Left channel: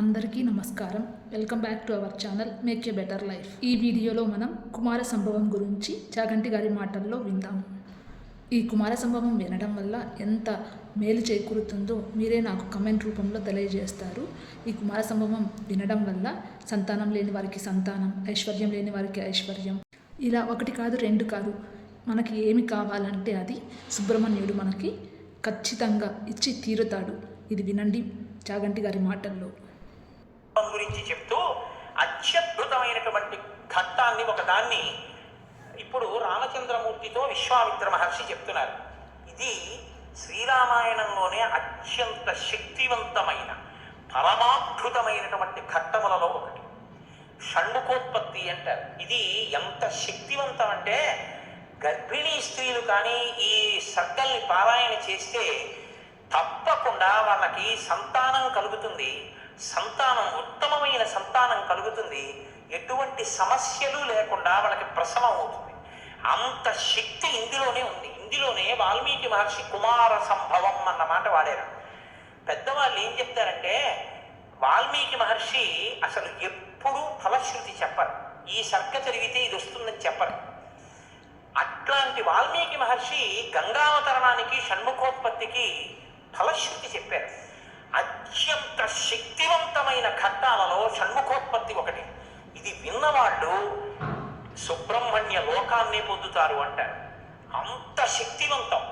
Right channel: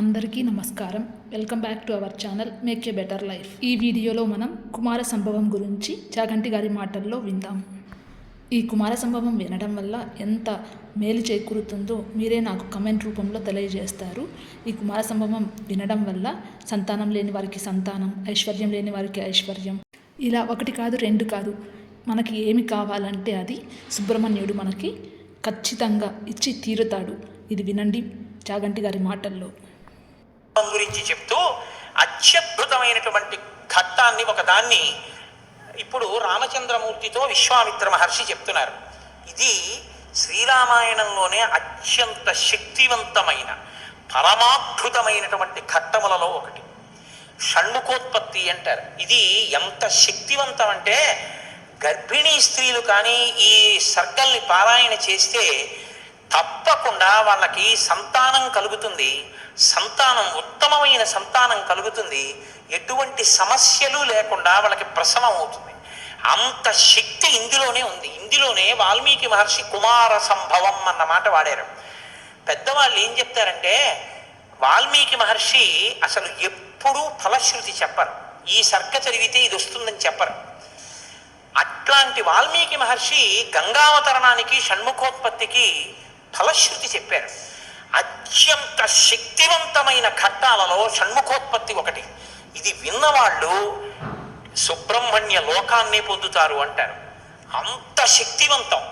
అందరికీ నమస్కారం. Welcome back to our channel make a better life. ఈ వీడియోలో మనం కుమార సంభవం గురించి చాగంటి గారి మాటల్లో విందాం. ఈ కుమార సంభవం వినడం వల్ల ఎంత మేలు చేకూరుతుందో మీరే నాకు కమెంట్ రూపంలో తెలియజేస్తారు. ఈ కుమార సంభవం వినడం వల్ల సంతానం లేని వారికి సంతానం, ఐశ్వర్యం లేని వారికి ఐశ్వర్యం, ఇలా ఒకటి కాదు రెండు కాదు, మనకి ఏమి కావాలంటే అది సుబ్రహ్మణ్యుడు మనకి ఖచ్చితంగా ఇచ్చి తీరుతాడు. ఇది వినండి చాగంటి గారి మాటల్లో. గురించి చెప్తూ అత్యద్భుతమైనటువంటి ఘట్టాన్ని ఒకదాన్ని ఇప్పుడు రామచంద్రమూర్తితో విశ్వామిత్ర మహర్షి చెప్తున్నారు. ఇది శ్రీరామాయణంలోనే అత్యంత శక్తివంతమైన పరమాద్భుతమైనటువంటి ఘట్టములలో ఒకటి. షణ్ముఖోత్పత్తి అంటారు. ఇది ఎంత శక్తివంతం అంటే గర్భిణీ స్త్రీలు కానీ ఈ సర్గల్ని పారాయణ చేస్తే తప్పకుండా వాళ్ళకి సంతానం కలుగుతుంది. సంతానం ఉత్తమమైన సంతానం కలుగుతుంది. ఎటువంటి సమస్యలు లేకుండా వాళ్ళకి ప్రసవం అవుతుంది. అంత శక్తి ఇందులోనే ఉంది. ఇందులోనే వాల్మీకి మహర్షి కుమార సంభవం అన్న మాట వాడారు. పెద్దవాళ్ళు ఏం చెప్తారంటే వాల్మీకి మహర్షి అసలు ఎప్పుడూ ఫలశ్రుతి చెప్పరు. ఈ సర్గ చదివితే ఇది వస్తుందని చెప్పరు. అట్లాంటి వాల్మీకి మహర్షి గంగావతరణానికి షణ్ముఖోత్పత్తికి ఫలశ్రుతి చెప్పారు. అత్యంత శక్తివంతమైన ఘట్టాలలో షణ్ముఖోత్పత్తి ఒకటి. ఇది విన్నవాళ్ళు సుబ్రహ్మణ్య లోకాన్నే పొందుతారు అంటారు. అంత శక్తివంతం.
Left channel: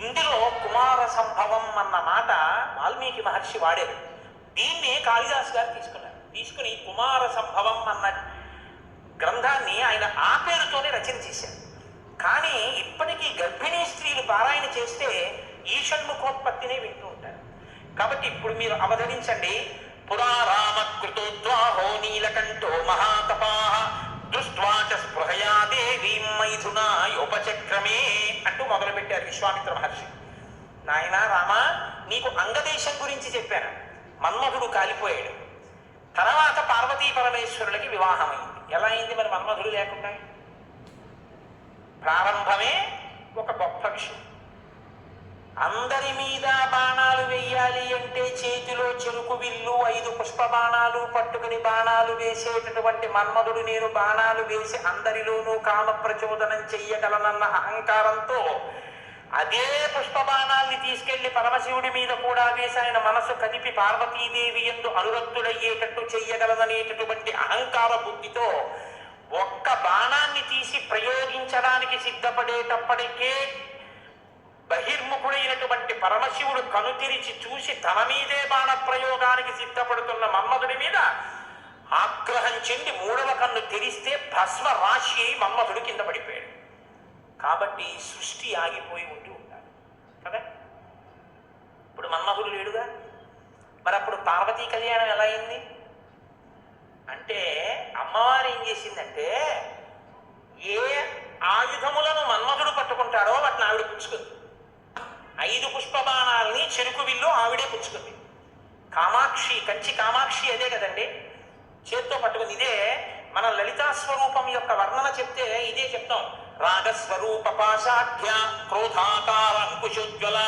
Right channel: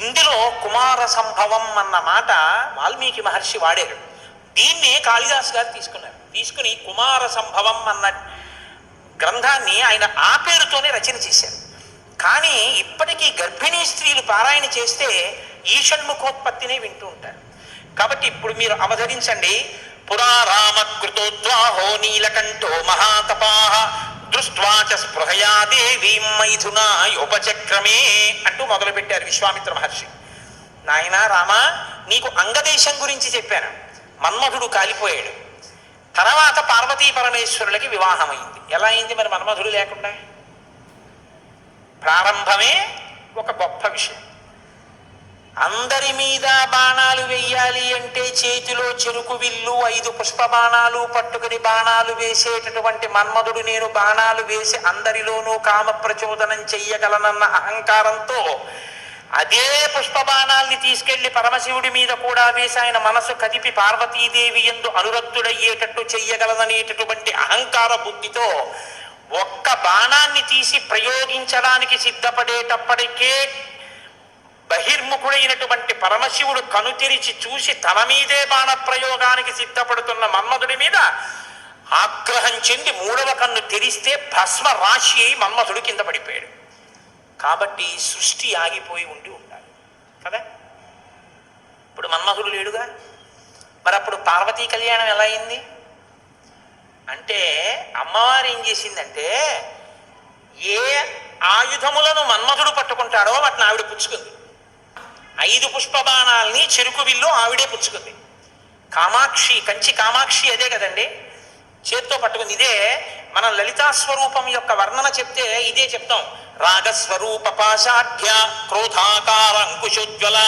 ఇందులో కుమార సంభవం అన్న మాట వాల్మీకి మహర్షి వాడారు. దీన్నే కాళిదాస్ గారు తీసుకుని కుమార సంభవం అన్న గ్రంథాన్ని ఆయన ఆ పేరుతోనే రచన చేశారు. కానీ ఇప్పటికీ గర్భిణీ స్త్రీలు పారాయణ చేస్తే ఈ షణ్ముఖోత్పత్తినే వింటూ ఉంటారు. కాబట్టి ఇప్పుడు మీరు అవధరించండి. పురారామకృతోద్వాహో నీలకంఠో మహాతపాః దృష్ట్వా చ స్పృహయా దేవీం మైథునాయోపచక్రమే అంటూ మొదలుపెట్టారు విశ్వామిత్ర మహర్షి. నాయనా రామ, నీకు అంగదేశం గురించి చెప్పాను. మన్మధుడు కాలిపోయాడు. తర్వాత పార్వతీ పరమేశ్వరులకి వివాహమైంది. ఎలా అయింది మరి మన్మధుడు లేకుండా? ప్రారంభమే ఒక గొప్ప విషయం. అందరి మీద బాణాలు వెయ్యాలి అంటే చేతిలో చెరుకు విల్లు 5 పుష్ప బాణాలు పట్టుకుని బాణాలు వేసేటటువంటి మన్మధుడు నేను బాణాలు వేసి అందరిలోనూ కామ ప్రచోదనం చెయ్యగలనన్న అహంకారంతో అదే పుష్ప బాణాల్ని తీసుకెళ్లి పరమశివుడి మీద కూడా వేసి ఆయన మనసు కదిపి పార్వతీదేవి యందు అనురక్తుడయ్యేటట్టు చెయ్యగలదనేటటువంటి అహంకార బుద్ధితో ఒక్క బాణాన్ని తీసి ప్రయోగించడానికి సిద్ధపడేటప్పటికే బహిర్ముఖుడైనటువంటి పరమశివుడు కనుతెరిచి చూసి తన మీదే బాణ ప్రయోగానికి సిద్ధపడుతున్న మన్మధుడి మీద ఆగ్రహం చెంది 3వ కన్ను తెరిస్తే భస్మ రాశి అయి మన్మధుడు కింద పడిపోయాడు. కాబట్టి సృష్టి ఆగిపోయి ఉండాలి కదా. ఇప్పుడు మన్మధుడు లేడుగా. మరి అప్పుడు పార్వతీ కళ్యాణం ఎలా అయింది అంటే అమ్మవారు ఏం చేసిందంటే ఏ ఆయుధములను మన్మధుడు పట్టుకుంటాడో వాటిని ఆవిడ పుచ్చుకుంది. 5 పుష్ప బాణాలని చెరుకు విల్లు ఆవిడే పుచ్చుకుంది. కామాక్షి, కంచి కామాక్షి అదే కదండి, చేత్తో పట్టుకుంది. ఇదే మన లలితా స్వరూపం యొక్క వర్ణన చెప్తే ఇదే చెప్తాం. రాగస్వరూప పాశాఢ్య క్రోధాకార అంకుశోజ్వల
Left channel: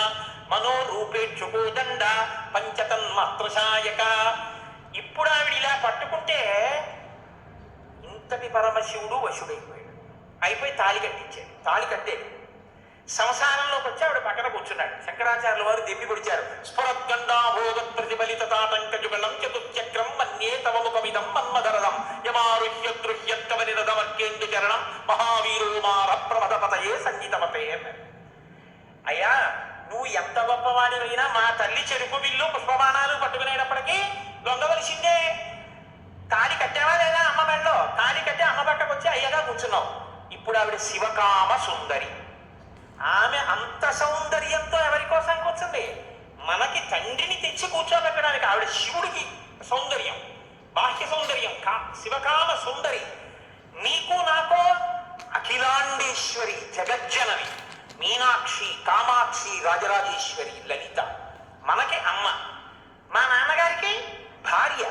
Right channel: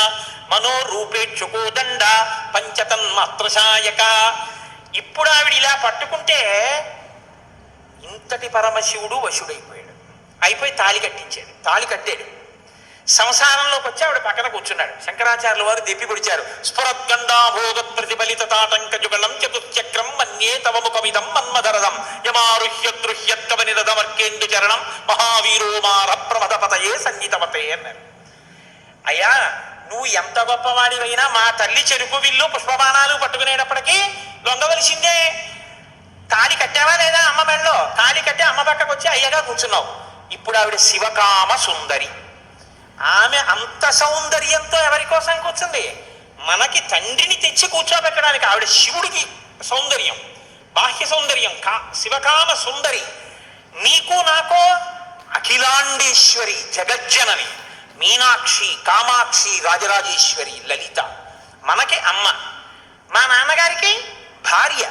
మనోరూపేక్షుకోదండ పంచతన్మాత్రశాయక. ఇప్పుడు ఆవిడ ఇలా పట్టుకుంటే ఇంతటి పరమశివుడు వశుడైపోయాడు. అయిపోయి తాళి కట్టాడు. సంసారంలోకి వచ్చి ఆవిడ పక్కన కూర్చున్నాడు. శంకరాచార్యుల వారు దెప్పి పొడిచారు. స్ఫురద్గండాభోగ ప్రతిఫలిత తాటంక జుగళం చతుశ్చక్రం మన్యే తవ ముఖమిదం మన్మధరదం యమారుహ్య దృహ్యత్వనిరదమర్కేందు చరణం మహావీరో మార ప్రమదపతయే సంగీతవతే అన్నారు. అయ్యా, నువ్వు ఎంత గొప్పవాడివైనా మా తల్లి చెరుకు విల్లు పుష్పబాణాలు పట్టుకునేటప్పటికీ లొంగవలసిందే. తాళి కట్టావా లేదా? అమ్మ మెడలో తాళి కట్టి అమ్మ పక్కకు వచ్చి అయ్యగా కూర్చున్నావు. ఇప్పుడు ఆవిడ శివకామ సుందరి. ఆమె అంత సౌందర్యంతో ఎవరి కోసం కూర్చుంది? మనకి తండ్రిని తెచ్చి కూర్చోబెట్టడానికి. ఆవిడ శివుడికి సౌందర్యం, బాహ్య సౌందర్యం, శివకామ సుందరి. నీకు నాకో అఖిలాండేశ్వరి, జగజ్జనని, మీనాక్షి, కామాక్షి, రాజరాజేశ్వరి, లలిత. మనకి అమ్మ. మా నాన్నగారికి భార్య.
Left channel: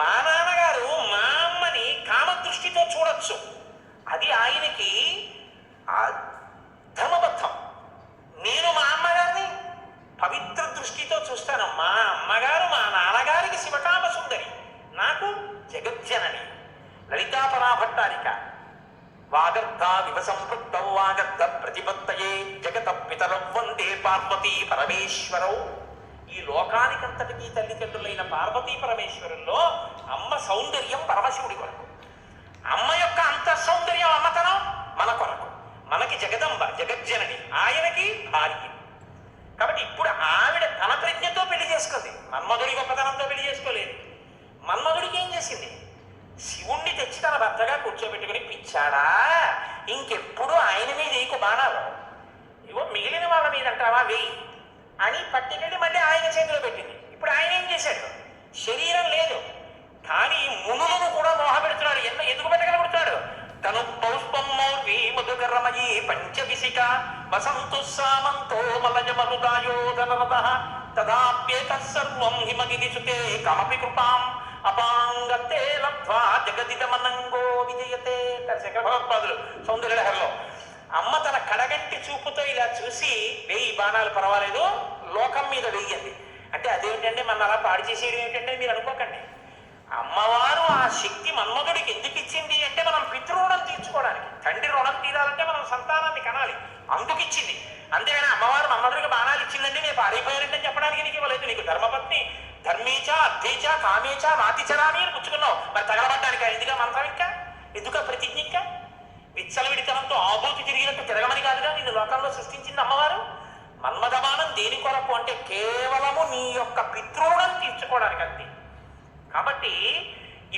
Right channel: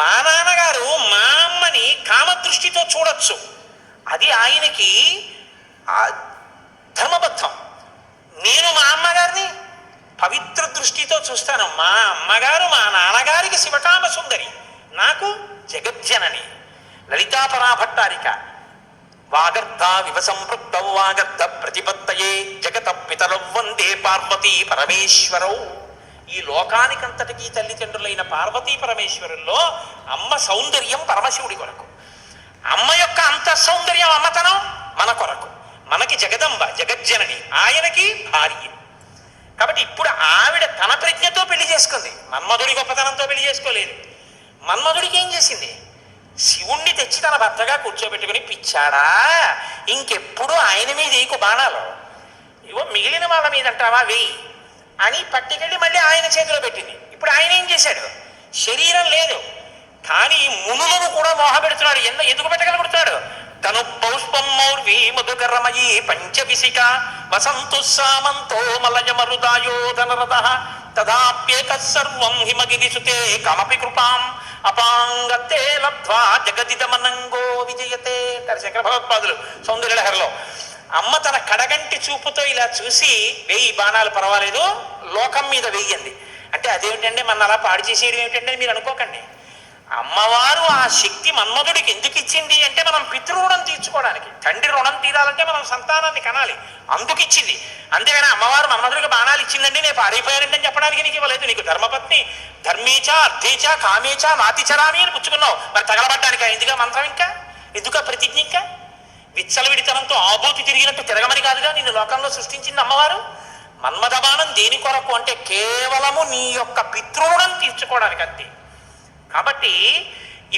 మా నాన్నగారు మా అమ్మని కామదృష్టితో చూడొచ్చు. అది ఆయనకి ధర్మబద్ధం. నేను మా అమ్మగారిని పవిత్ర దృష్టితో చూస్తాను. మా అమ్మగారు మా నాన్నగారికి శివకామ జగజ్జనని. లలితాపరాభట్టారిక వాగర్ధ వివసంపృక్తౌ వాగర్ధ ప్రతిపత్తయే జగత పితరౌ వందే పార్వతీ పరమేశ్వరౌ. ఈ లోకానికంతటికీ తల్లిదండ్రులైన పార్వతీ పరమేశ్వరుల్లో అమ్మ సౌందర్యం పరమశివుడి కొరకు, అమ్మ యొక్క అంతఃసౌందర్యం అమ్మతనం మన కొరకు. మనకి జగదంబ జగజ్జనని, ఆయనకి భార్య. కాబట్టి ఇప్పుడు ఆవిడ తన ప్రజ్ఞతో పెళ్లి చేసుకుంది, మన్మధుడి గొప్పతనంతో పెళ్లి చేసుకోలేదు. మన్మధుడికి ఏం చేసింది? శివుణ్ణి తెచ్చి తన భర్తగా కూర్చోబెట్టుకుని, పిచ్చాడా ఇంకెప్పుడు ఆయన మీద ఏకు బాణాలు, ఇవో మిగిలిన వాళ్ళ మీద అంటావా వెయ్యి అని పట్టుకెళ్ళి మళ్ళీ ఆయన చేతిలో పెట్టింది. ఇప్పుడు ఆయన ఏం చేశాడు? శరీరం లేదు కానీ మునులను కూడా మోహ పెడుతున్నాడు. ఎందుకు పెట్టగలుగుతున్నాడు? తను పౌష్పం మౌర్వి మధుకరమయీ పంచవిశిక వసంతు సామంతో మలయ మరుదాయోధనరథ తదాప్యేక సర్వం హిమగిరిసుతే కమపి కృపాం అపాంగతే లబ్ధ్వా జగదిదమనంగో విజయతే అంటారు శంకర భగవత్పాదులు సౌందర్యలహరిలో. అమ్మ తన కడగంటి చూపుతో ఇలా చూసి, వెయ్యి బాణాలు పర్వాలేదు, లోకం మీద వెయ్యండి అంటే అదేమిటంటే మన అలా పాడు చేసేయడం ఏమిటంటే మీరు అనుకోకండి. అమ్మవారు ఆ శక్తి మన్మధుడికి ఎందుకు ఇచ్చింది అంటే మనం పితృరుణం తీర్చుకోవడానికి. తండ్రి రుణం తీరాలంటే మనం సంతానాన్ని కనాలి, అందుకు ఇచ్చింది. అంతేగాని అమ్మవారు మన్మధుడికి బాణాలు ఇచ్చిందండి నేను పాడైపోయారంటే అని చెప్పడానికి నీకు ఇవ్వలేదు. నీకు ధర్మపత్ని ధర్మేచ అర్థేచ కామేచ నాతిచరామి అని పుచ్చుకున్నావు, మరి తగలబడ్డానికి ఎందుగా మంత్రం, ఇంకా ఎందుక ప్రతిజ్ఞ, ఇంకా విచ్చలవిడితనంతో ఆబోతి తిరిగినట్టు తిరగమని కాదుగా నిన్ను లోకంలో సృష్టించింది అమ్మవారు. మన్మథబాణం దేని కొరకు అంటే కేవలము నీ యొక్క పితృరుణం తీర్చుకోవడానికి అంతే. కాబట్టి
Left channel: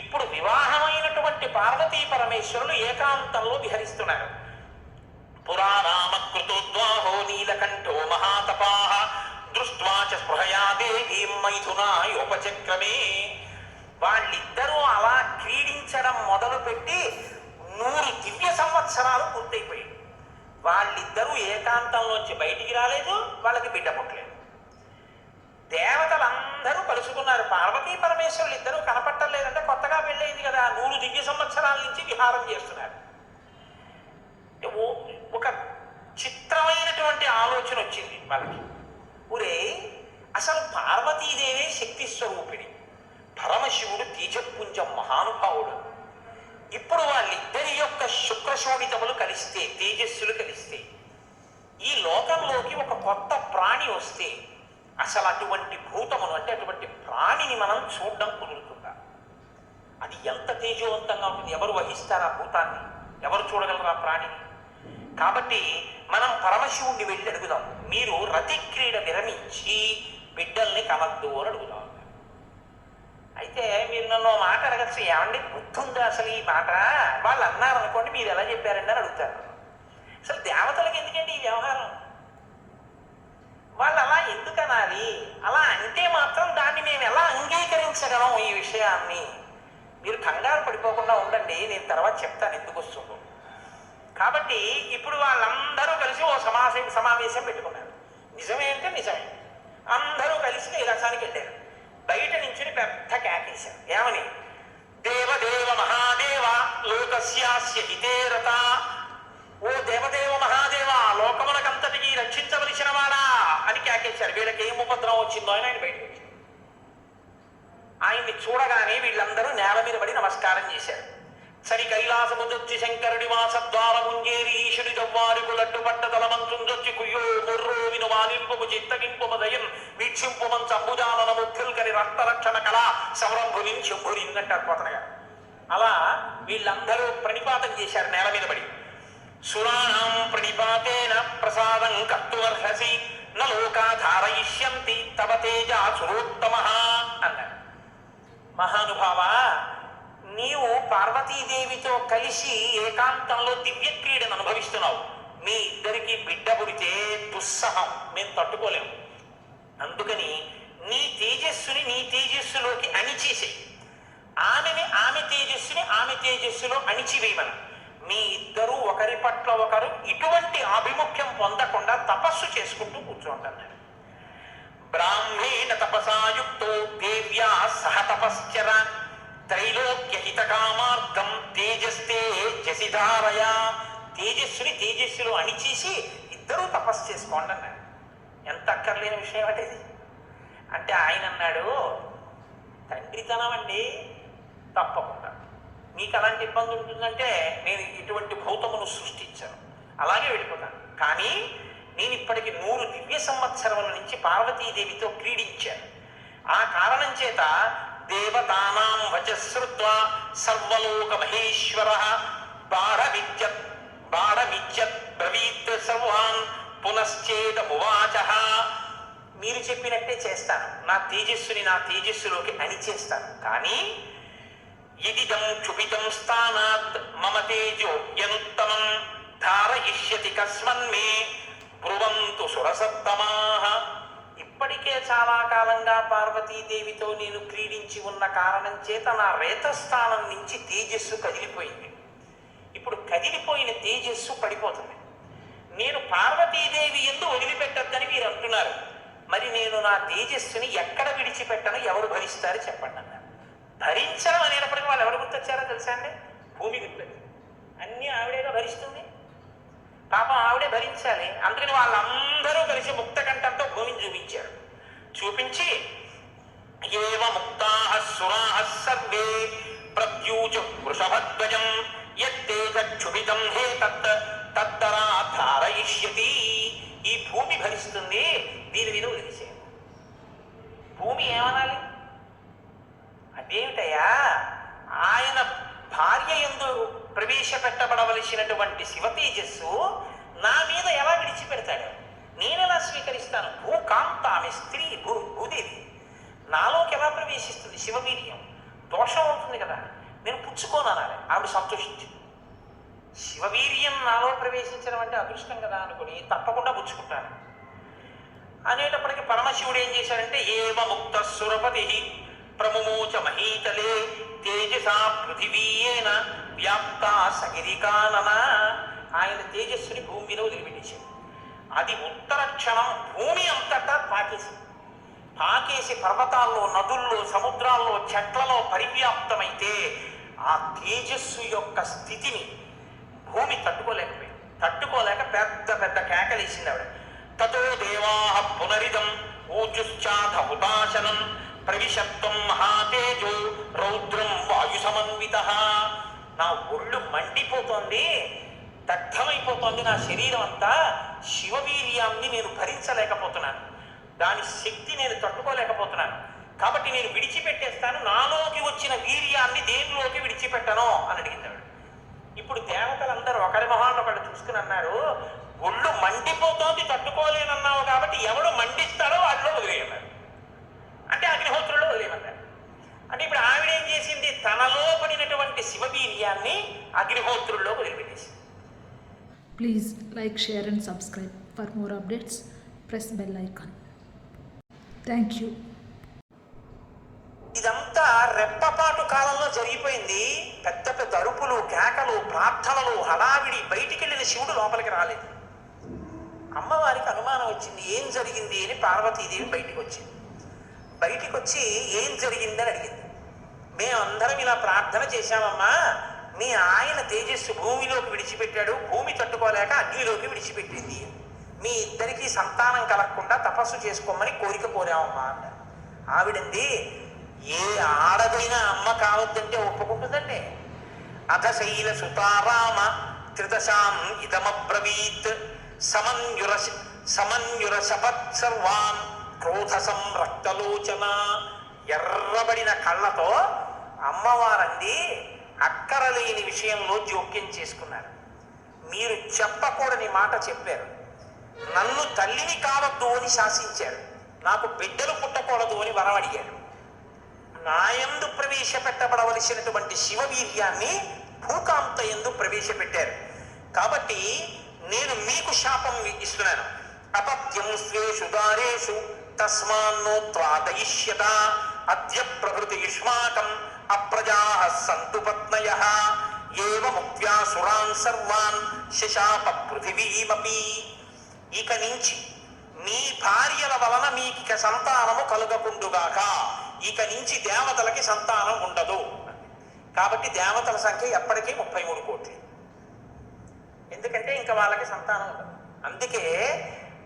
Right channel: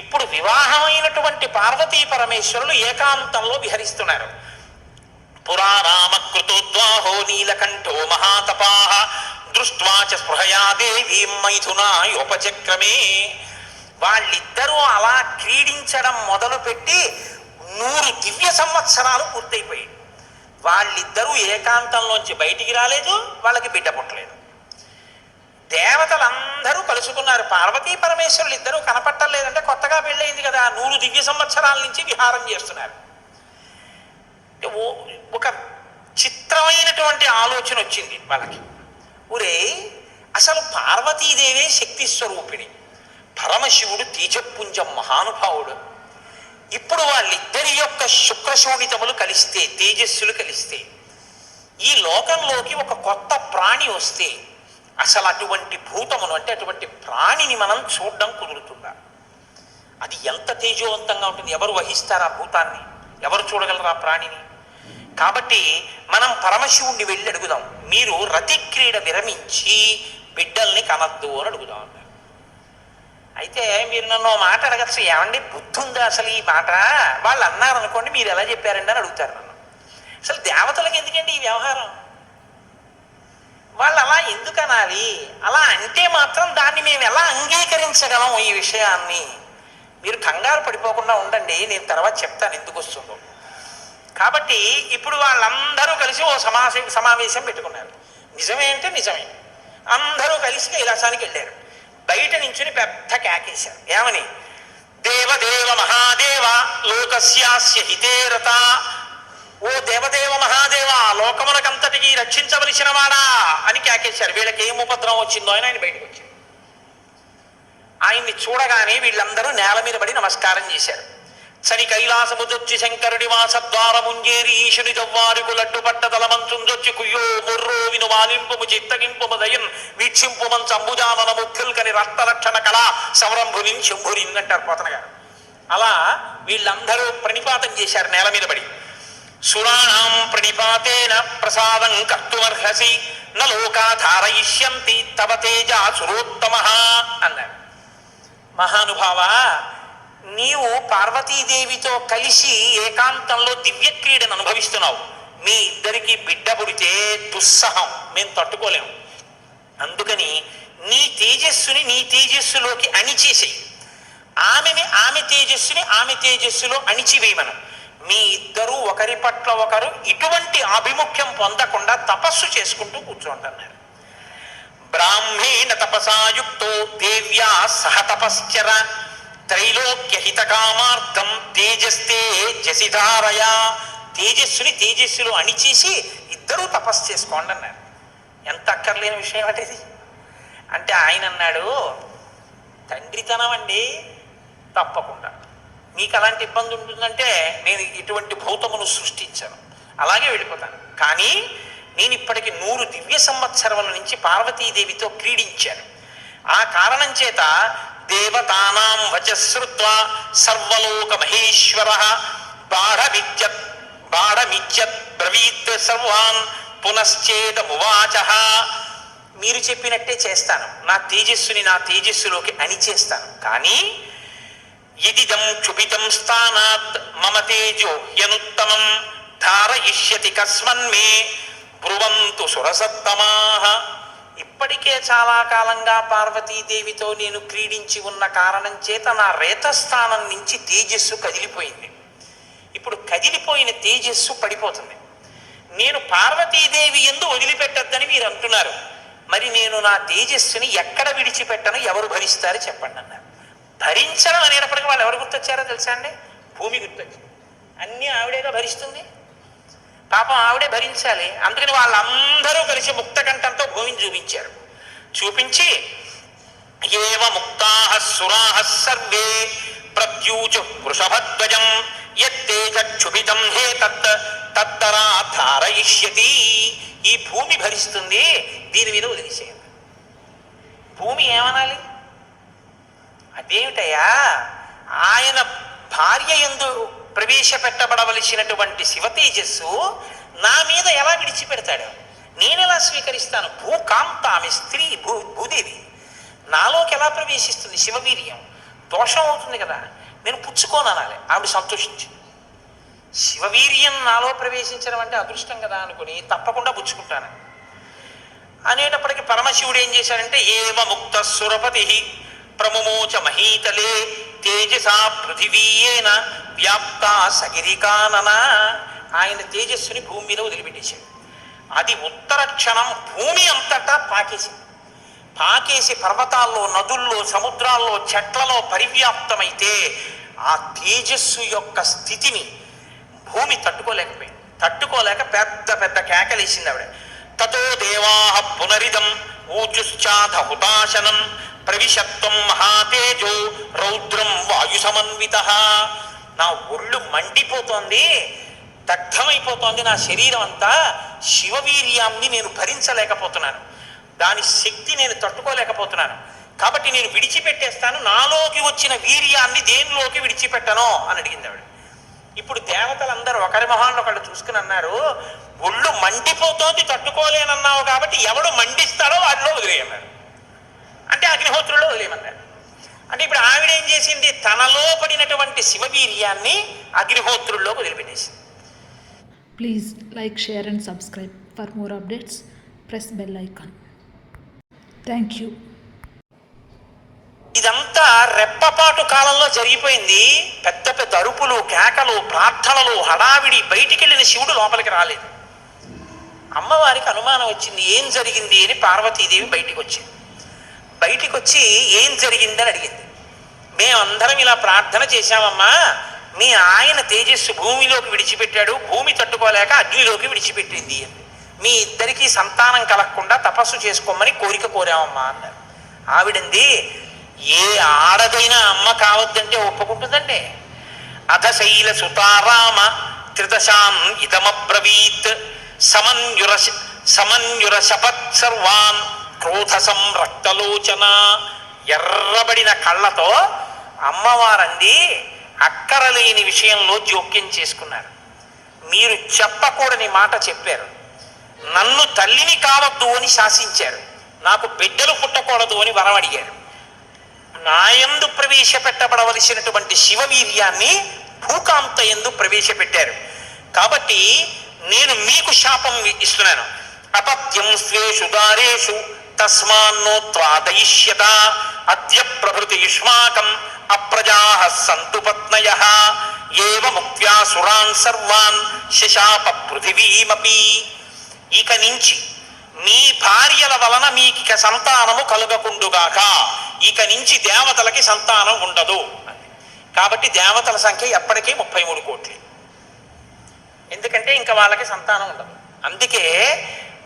ఇప్పుడు వివాహమైనటువంటి పార్వతీ పరమేశ్వరులు ఏకాంతంలో విహరిస్తున్నారు. పురారామకృతోద్వాహో నీలకంఠో మహాతపాః దృష్ట్వా చ స్పృహయా దేవీం మైథునాయోపచక్రమే. వాళ్ళిద్దరూ అలా క్రీడించడం మొదలుపెట్టి 100 దివ్య సంవత్సరాలు పూర్తయిపోయాయి. వాళ్ళిద్దరూ ఏకాంతంలోంచి బయటికి రాలేదు, వాళ్ళకి బిడ్డ పుట్టలేదు. దేవతలందరూ కలుసుకున్నారు. పార్వతీ పరమేశ్వరులు ఇద్దరూ కనపట్టలేదంటే కొత్తగా పెళ్ళయింది కదా, 100 దివ్య సంవత్సరాల నుంచి విహారం చేస్తున్నారు. ఒక చిత్రమైనటువంటి ఆలోచన వచ్చింది వాళ్ళకి. ఒరే, అసలు పార్వతీదేవే శక్తి స్వరూపిణి, పరమశివుడు తేజపుంజం మహానుభావుడు. ఇప్పుడు వాళ్ళిద్దరి యొక్క శుక్రశోణితములు కలిస్తే, తేజస్సులు కలిస్తే, ఈ లోకంలోకి ఒక కొత్త ప్రాణి వస్తే అసలు అటువంటి భూతమును అంటే అటువంటి ప్రాణిని మనం చూడడం కుదురుతుందా? అది ఎంత తేజోవంతంగా ఉంటుంది? ఎవరు వహిస్తారు ఆ భూతాన్ని? ఎవరు చూడగలరు ఆ ప్రాణిని? కాబట్టి మనం పరమశివుణ్ణి వెళ్ళి అడుగుదాం, మీరు రతిక్రీడ విరమించి బిడ్డల్ని కనద్దు అని అడుగుదాం. అయితే మీరు నన్ను మాట అడగచ్చు, ఏమండి బుద్ధి ఉందా అసలు ఈ మాట? వాళ్ళు అన్నారు అనుకోండి, మీరు ఎలా చెప్పారండి అని అడుగుతారు నన్ను. అసలు దేవతలకు ఎందుకండి ఈ వ్యవహారం? వాళ్ళు అలా ఎందుకు అనాలి? అలా అంటే మాత్రం దాన్ని మేము ఎలా అంగీకరించగలం? ఈ విషయాన్ని మీరు కంగారు పడిపోకుండా ఉండండి, నేను తర్వాత చెప్తాను ఎందుకు వస్తుందో. కాబట్టి ఇప్పుడు వాళ్ళందరూ కలిసి ఓ సమావేశం పెట్టుకున్నారు. నిజమే అంటే నిజమే. అందరూ కలిసి కైలాసానికి వెళ్ళారు. బయట నుంచుని పెద్ద కేకేశారు. ఏమని? దేవదేవ మహాదేవ లోకస్యాస్య హితేరత. ఓ దేవదేవ మహాదేవ, లోకములకంతటికి రక్షించవలసిన వాడా అని కేకేశారు. వీళ్ళకి ఏం ఉపద్రవం వచ్చిందో అని ఆయన బయటకు వచ్చారు. ఆయన్ని చూడగానే వీళ్ళందరూ నేల మీద పడి నమస్కారం చేశారు. సని కైలాసముదొచ్చి శంకరుడి వాసద్వారముంజేరి ఈశుని దవ్వారుకు లడ్డుపట్ట తలమంచుందొచ్చి కుయ్యో ముర్రో విను వాలింపుము చిత్తగింపుము దయన్ వీక్షింపుమన్ సంబుజానన ముఖ్యుల్కని రక్తలక్షణ కళా సౌరంభునిన్ శంభునిన్ అంటారు పోతన గారు. అలా వీళ్ళందరూ ప్రణిపాతం చేశారు నేల మీద పడి. సురాణం ప్రణిపాతేన ప్రసాదం కర్తుమర్హసి నలోకాధారయిష్యంతి తవ తేజ సురోత్తమః అన్నారు. మహానుభావ, నీవు పార్వతీదేవితో కలిసి ఏకాంతంలో దివ్య క్రీడను అనుభవిస్తున్నావు. మీ ఇద్దరికి బిడ్డ పుడితే దుస్సహం, మేము తట్టుకోలేము. అందుకని నీ తేజస్సుని నీ తేజస్సులోకి అణిచేసేయి, ఆమె తేజస్సుని ఆమె తేజస్సులో అణిచివేయమను. మీ ఇద్దరూ ఒకరి పట్ల ఒకరు ఇటువంటి ఆభిముఖ్యం పొందకుండా తపస్సు చేసుకుంటూ కూర్చోంటున్నారు. బ్రాహ్మేణ తపసాయుక్తో దేవ్యా సహ తపశ్చర త్రైలోక్య హితకామార్థం తేజస్తే జసిధారయా. తేజస్సుని తేజస్సులో అణిచేసి ఇద్దరూ తపస్సు చేసుకోండి అన్నాడు. ఎంత అక్కర్లేని విషయం అంటే ఇది. అంటే ఆయన అన్నాడు, తండ్రితనం అండి, తప్పకుండా. మీకు అలాంటి ఇబ్బంది ఉంటుందంటే నేను ఇటువంటి భూతమును సృష్టించను, అలాగే వెళ్ళిపోతాను. కానీ నేను ఇప్పటికి 100 దివ్య సంవత్సరముల నుంచి పార్వతీదేవితో క్రీడించాను. ఆ కారణం చేత దేవతానాం వచశ్రుత్వా సర్వలోక మహేశ్వర బాఢమిత్యత్ బ్రవీత్ సర్వాన్ పునశ్చేదమువాచ. మీరు చెప్పినట్టే చేస్తాను, నా తేజస్సుని నా తేజస్సులోకి అణిచేస్తాను. కానీ యదిదం క్షుభితం స్థానాత్ మమ తేజో యనుత్తమం ధారయిష్యతి కస్మన్మే బ్రువంతు సురసత్తమాః. ఇప్పటికే చాలా కాలంగా పార్వతీదేవితో నేను క్రీడించి ఉన్న కారణం చేత నా రేతస్థానం నుంచి తేజస్సు కదిలిపోయింది. ఇప్పుడు కదిలిపోయిన తేజస్సు పడిపోతుంది. నేను పార్వతీదేవి యందు వదిలిపెట్టద్దని మీరు అంటున్నారు. మరి నేను నా తేజస్సుని ఎక్కడ విడిచిపెట్టను, ఎవరు భరిస్తారు చెప్పండి అన్నారు. భరించడం అనేటప్పటికీ వాళ్ళు ఎవరు గుర్తొచ్చారో తెలుసా అండి? భూమి గుర్తొచ్చింది. అన్నీ ఆవిడేగా భరిస్తుంది, పాపం ఆవిడే భరించాలి. అందుకని వాళ్ళందరూ కలిసి ముక్తకంఠంతో భూమిని చూపించారు. చూపించి ఏవ ముక్తాః సురాః సర్వే ప్రత్యూచు వృషభధ్వజం యత్తేజ క్షుభితం హే తత్తరా ధారయిష్యతి. ఈ భూమి భరిస్తుంది, దీని మీద వదిలేసేయండి. భూమి ఏమనాలి? అదేమిటయ్యా, ఆయన భార్య యందు ప్రవేశపెట్టబడవలసినటువంటి శివ తేజస్సు నా మీద ఎలా విడిచిపెడతాడు? నేనెలా స్వీకరిస్తాను? భూకాంత, ఆమె స్త్రీ, భూదేవి నాలోకి ఎలా ప్రవేశిస్తుంది? శివవీర్యం దోషం అవుతుంది కదా, నేను పుచ్చుకోనాలి. ఆవిడ సంతోషించి శివవీర్యం నాలో ప్రవేశించడం అంటే అదృష్టం కదా అనుకుని తప్పకుండా పుచ్చుకుంటాను అనేటప్పటికీ పరమశివుడు ఏం చేశాడంటే ఏవ ముక్త సురపతి ప్రముమోచ మహీతలే తేజసా పృథివీయేన వ్యాప్త సగిరికానన. ఆయన తేజస్సుని భూమి మీద వదిలిపెట్టేశాడు. అది ఉత్తర క్షణం భూమి అంతటా పాకేసి పర్వతాల్లో, నదుల్లో, సముద్రాల్లో, చెట్లలో పరివ్యాప్తమైతే ఆ తేజస్సు యొక్క స్థితిని భూమి తట్టుకోలేకపోయింది. తట్టుకోలేక పెద్ద పెద్ద కేకలేసింది ఆవిడ. తతో దేవాః పునరిదం ఊచుశ్చాధ హుతాశనం ప్రవిశత్వం మహాతేజో రౌద్రం వాయు సమన్వితః. నా ఒళ్ళు మండిపోతోంది, దగ్ధమైపోతోంది నా శరీరం అంతా. శివవీర్యాన్ని నేను భరించలేకపోతున్నాను, దాని శక్తి నేను తట్టుకోలేకపోతున్నాను. కాబట్టి నేను విడిచిపెట్టేస్తాను, నాలోకి వచ్చిన వీర్యాన్ని దేనిలోకి విడిచిపెట్టను అని అడిగింది ఆవిడ. ఇప్పుడు దేవతలందరూ ఒకరి మొహాన్ని ఒకళ్ళు చూసుకుని అన్నారు, ఒళ్ళు మండిపోతోంది తట్టుకోలేనన్నావు కాబట్టి ఎవడు మండిస్తాడో వాటిలో వదిలేయన్నారు. అంటే అగ్నిహోత్రుల్లో వదిలేయమన్నారు. అంటే ఇప్పుడు ఆవిడ ఏం చేసింది? తనలో పడినటువంటి శివవీర్యాన్ని అగ్నిహోత్రుల్లో వదిలిపెట్టేసింది. Please like, share and subscribe. For more updates press bell icon. Thank you. ఇదంతా రెప్పపాటు కాలంలో జరిగిపోయింది. పెద్ద పెద్ద అరుపులు, కేకలు, ప్రార్థనలు, హడావిడి. బయటికి వెళ్ళిన శివుడు లోపలికి రాలేదు. అమ్మవారికి అనుమానం వచ్చింది, ఏం జరిగింది అని. పార్వతీదేవి బయటికి వచ్చింది. బయటికి వచ్చి ఏం జరిగిందని అడిగింది. మేమందరం ఇలా ప్రార్థన చేశామమ్మా, మీ ఆయన తేజస్సు భూమిలోకి విడిచిపెట్టాడు, భూమి తట్టుకోలేక అగ్నిలోకి విడిచిపెట్టింది అని. మీ ఇద్దరికీ సంతానం కలగకుండా తపస్సు చేసుకోమని కోరిక కోరామమ్మా అన్నారు. ఆవిడంది, ఏ ఆడదైనా అమ్మ కావద్దంటే ఒప్పుకుంటుందండి. అధశైల సుతారామ త్రిదశాన్ ఇదమబ్రవీత్ సమన్యుర శపత్ సర్వాన్ క్రోధ సంరక్తలోచన. ఎర్రబడిన కళ్ళతో అమ్మవారండి అక్కరలేని విషయంలో జోక్యం చేసుకున్నారు. మీరు చెప్పకూడని మాట చెప్పారు. నన్ను తల్లిని కావద్దు అని శాసించారు. నాకు బిడ్డలు పుట్టకూడదు అని వరం అడిగారు. నాయందు ప్రవేశపెట్టబడవలసినటువంటి శివవీర్యాన్ని భూకాంత యందు ప్రవేశపెట్టారు. కాబట్టి నేను మీకు శాపం ఇస్తున్నాను. అపత్యం స్వేషు దారేషు తస్మాన్నోత్వాదయిష్యత అద్య ప్రభృతి యుష్మాకం అప్రజాః సంతు పత్నయః ఏవ ముక్త్యా సురాన్ సర్వాన్ శశాప పృథివీమపి. ఇక నుంచి మీ భార్యల వలన మీకిక సంతానము కలుగకుండుగాక. ఇక నుంచి దేవతలకి సంతానం ఉండదు. కాబట్టి దేవతల సంఖ్య ఎప్పటికీ 33 కోట్లు. ఎందుకంటే ఇంకా వాళ్ళకి సంతానం ఉండదు. అందుకే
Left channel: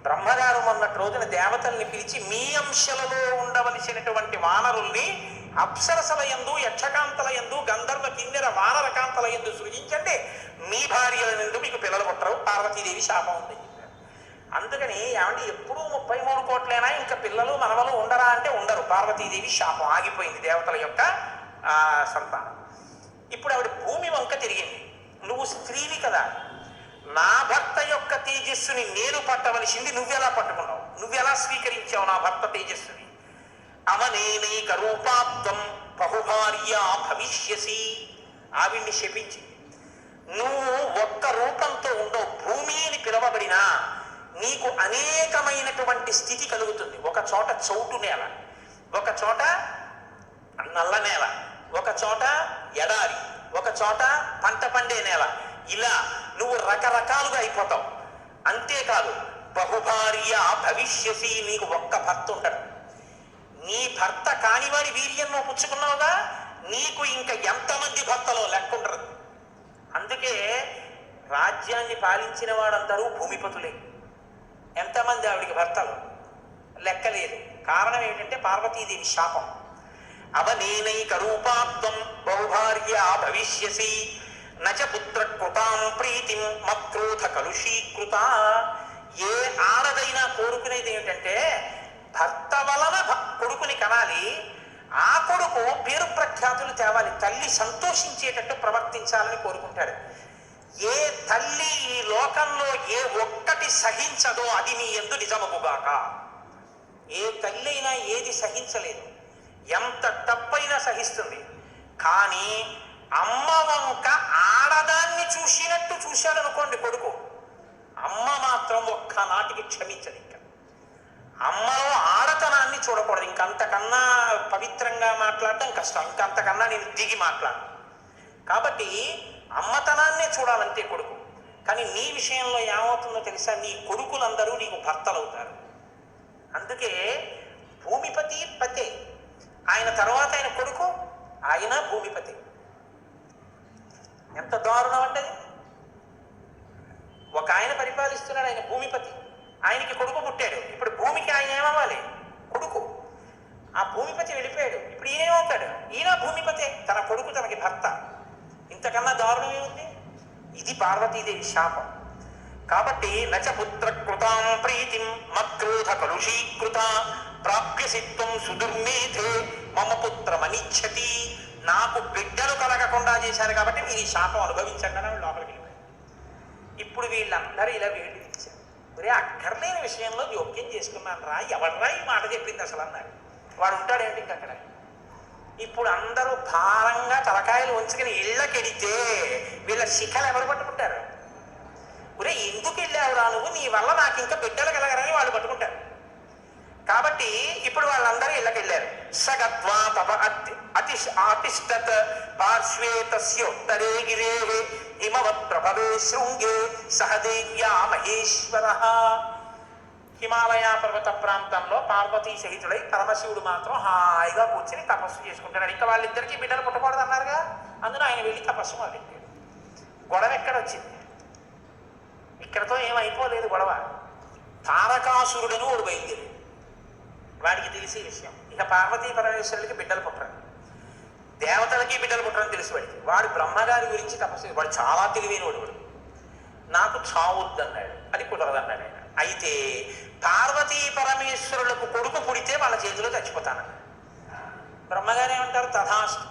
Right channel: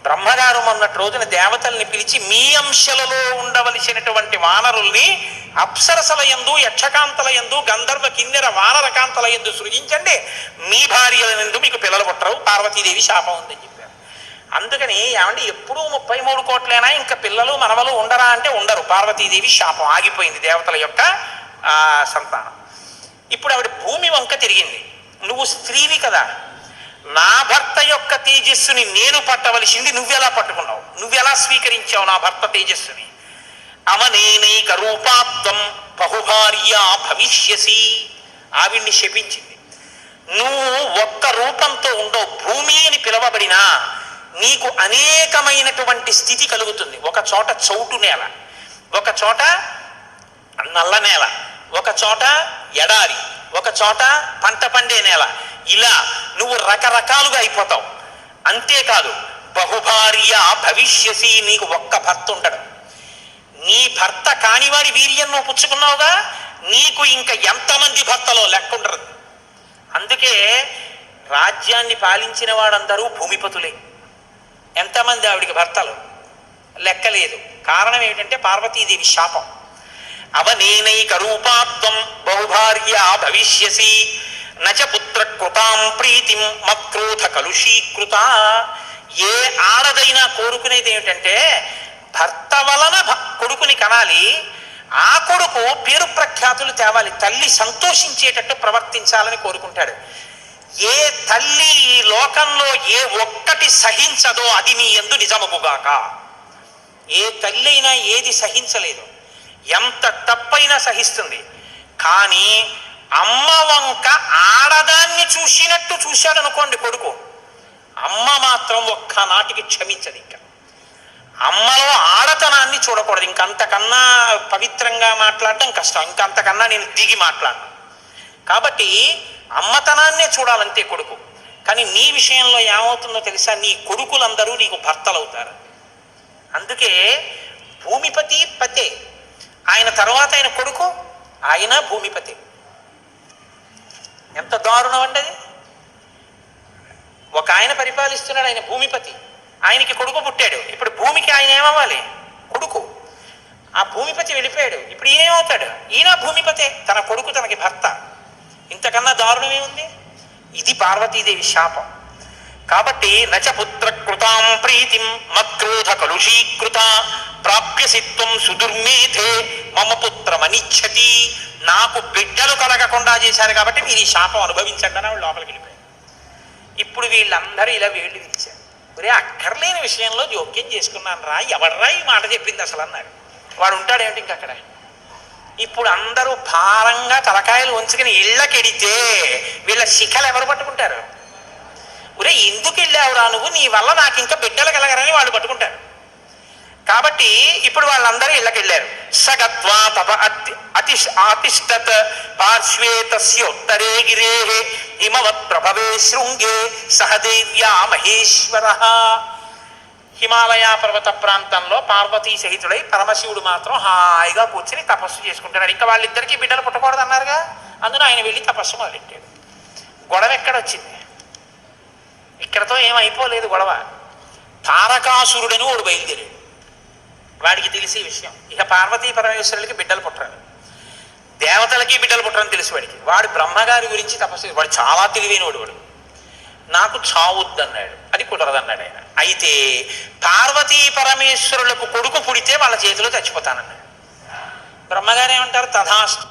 బ్రహ్మగారు మొన్నటి రోజున దేవతల్ని పిలిచి మీ అంశలలో ఉండవలసినటువంటి వానరుల్ని అప్సరసల యందు, యక్షకాంతల యందు, గంధర్వ కిన్నెర వానరకాంతల యందు సృజించండి, మీ భార్యల యందు మీకు పిల్లలు పుట్టరు, పార్వతీదేవి శాపం ఉందని చెప్పారు. అందుకని ఏమంటే ఎప్పుడూ 33 కోట్లైనా ఇంకా పిల్లలు మనవలు ఉండరా అంటే ఉండరు. పార్వతీదేవి శాపం ఆగిపోయింది దేవతల యొక్క సంతానం. ఇప్పుడు ఆవిడ భూమి వంక తిరిగింది. నువ్వు స్త్రీవి కదా, నా భర్త యొక్క తేజస్సుని నేను పట్టవలసింది నువ్వెలా పట్టుకున్నావు, నువ్వెలా స్వీకరించావు నా భర్త తేజస్సుని? అవనేనైక రూపాత్వం బహుభార్య భవిష్యసి. ఆవిడ్ని శపించింది. నువ్వు ఒక్క రూపంతో ఉండవు, భూమి అని పిలవబడినా నీకు అనేకమైనటువంటి స్థితి కలుగుతుంది. ఒక చోట చౌటు నేల, ఒక చోట నల్ల నేల, ఒక చోట ఎడారి, ఒక చోట పంట పండే నేల. ఇలా నువ్వు రకరకాలుగా అయిపోతావు. అంతేకాదు బహుభార్య భవిష్యసి, నీకు ఒక్క భర్త ఉండడు. నీ భర్త కానివాడి వీర్యం నువ్వు పుచ్చుకున్నావుగా, నీకు ఇంకా ఎంతమంది భర్తలో లెక్కుండరు. అందుకే రాజ్యాన్ని పాలించిన వాడందరూ భూమిపతులే. ఎంతమంది ఆవిడికి భర్తలు లెక్కలేదు. కారణం ఏమిటంటే పార్వతీదేవి శాపం. అవనేనైక రూపాత్వం బహుభార్య భవిష్యసి నచ పుత్ర కృతాం ప్రీతిం మక్రోధ కలుషీకృత. ఏ ఆడదైనా కోరుకునేది ఏమిటంటే భర్త వలన కొడుకుని కనాలి, ఆ కొడుకు పేరు ప్రఖ్యాతులు తేవాలి, తల్లి సంతోషించేటట్టు ప్రవర్తించాలని కోరుకుంటాడు. ఏ తల్లి ఈ లోకంలో ఏ ఒక్కటి సహించదో అది నీ యందు నిజమగుగాక. ఏ తల్లి అయినా ఏది సహించలేదు, ఎంత తప్పైనా సహిస్తుంది. కానీ అమ్మ వంక ఆడదాన్ని చూసినట్టు చూశాడు అనుకోండి కొడుకు, అమ్మ మాత్రం ఒక్కనాటికి క్షమించదు. ఇంకా అమ్మలో ఆడతనాన్ని చూడకూడదు. ఇంకంతకన్నా పవిత్రంగా మాట్లాడటం కష్టం, ఇంకంతకన్నా నేను దిగి మాట్లాడను. కాబట్టి అమ్మతనాన్నే చూడాలంతే కొడుకు. కానీ నీ విషయంలో ఏమవుతుందో తెలుసా, నీ కొడుకులందరూ నీకు భర్తలవుతారు. అందుకే భూమిపతి పతే, ఆయన తర్వాత ఆయన కొడుకు, ఆయన భూమిపతి. ఎంత దారుణం అండి అది. ఒక ఆయన పరిపాలిస్తున్నాడు, ఆయన భూమిపతి, ఆయనకి కొడుకు పుట్టాడు. ఇప్పుడు భూమికి ఆయన ఏమవ్వాలి? కొడుకు. ఆ భూమిపతి వెళ్ళిపోయాడు, ఇప్పుడు ఈయన ఏమవుతాడు? ఈయన భూమిపతే, తన కొడుకు తనకి భర్త. ఇంతకన్నా దారుణం ఏముంది? ఇది పార్వతీదేవి శాపం. కాబట్టి నచ పుత్ర కృతాం ప్రీతిం మక్రోధ కలుషీకృత ప్రాప్యసిత్వం సుదుర్మేధే మమ పుత్రమనిచ్చతి. నాకు బిడ్డలు కలగకుండా చేశారు కాబట్టి మీరు ఈ శాపం అనుభవించండి అని వాళ్ళు లోపలికి వెళ్ళిపోయారు. ఇప్పుడు వీళ్ళందరూ ఇలా వేళ్ళు ఇచ్చారు. ఒరే అక్కర్లేని విషయంలో జోక్యం చేసుకున్నాను రా, ఎవడరా ఈ మాట చెప్పింది అసలు అన్నారు. వాడు ఉంటాడేమిటి ఇంక అక్కడ. ఇప్పుడు అందరూ భారంగా తలకాయలు ఉంచుకుని ఇళ్ళకెడితే వీళ్ళ శిఖలు ఎవరు పట్టుకుంటారు? ఒరే ఎందుకు వెళ్ళావురా నువ్వు, నీ వల్ల నాకు ఇంకా బిడ్డలు కలగరని వాళ్ళు పట్టుకుంటారు. కాబట్టి ఇప్పుడు వాళ్ళందరూ ఇళ్ళకెళ్ళారు. సగత్వా తప అతిష్టత్ పార్శ్వే తస్యోత్తరే గిరే హిమవత్ ప్రభవే శృంగే సహదేవ్యా మహేశ్వర. హిమాలయ పర్వత ప్రాంతంలో పార్వతీ సహితుడై పరమశివుడు మాత్రం హాయిగా కూర్చుని తపస్సు చేసుకుంటున్నాడు. ఇంకా వాళ్ళిద్దరికీ బిడ్డలు పుట్టకూడదు అన్నారుగా, అందులో ఆయన వెళ్ళి తపస్సు మొదలెట్టాడు. గొడవ ఎక్కడొచ్చింది? ఇక్కడతో ఏమైపోలేదు గొడవ. తారకాసురుడని వాడు బయలుదేరాడు. వాడికి తెలిసే విషయం, ఇక పార్వతీ పరమేశ్వరులకి బిడ్డలు పుట్టరు, దేవతలకి బిడ్డలు పుట్టరని తెలుసు వాడికి. వాడు బ్రహ్మగారి గురించి తపస్సు, వాడు చాలా తెలివైనవాడు. వాడు నాకు చావుద్దన్నాడు, అది కుదరదన్నాడు ఆయన. అయితే పార్వతీ పరమేశ్వరులకు కొడుకు పుడితే వాళ్ళ చేతిలో చచ్చిపోతానన్నాడు. బ్రహ్మగారు ఏమంటారు? తథాస్తు.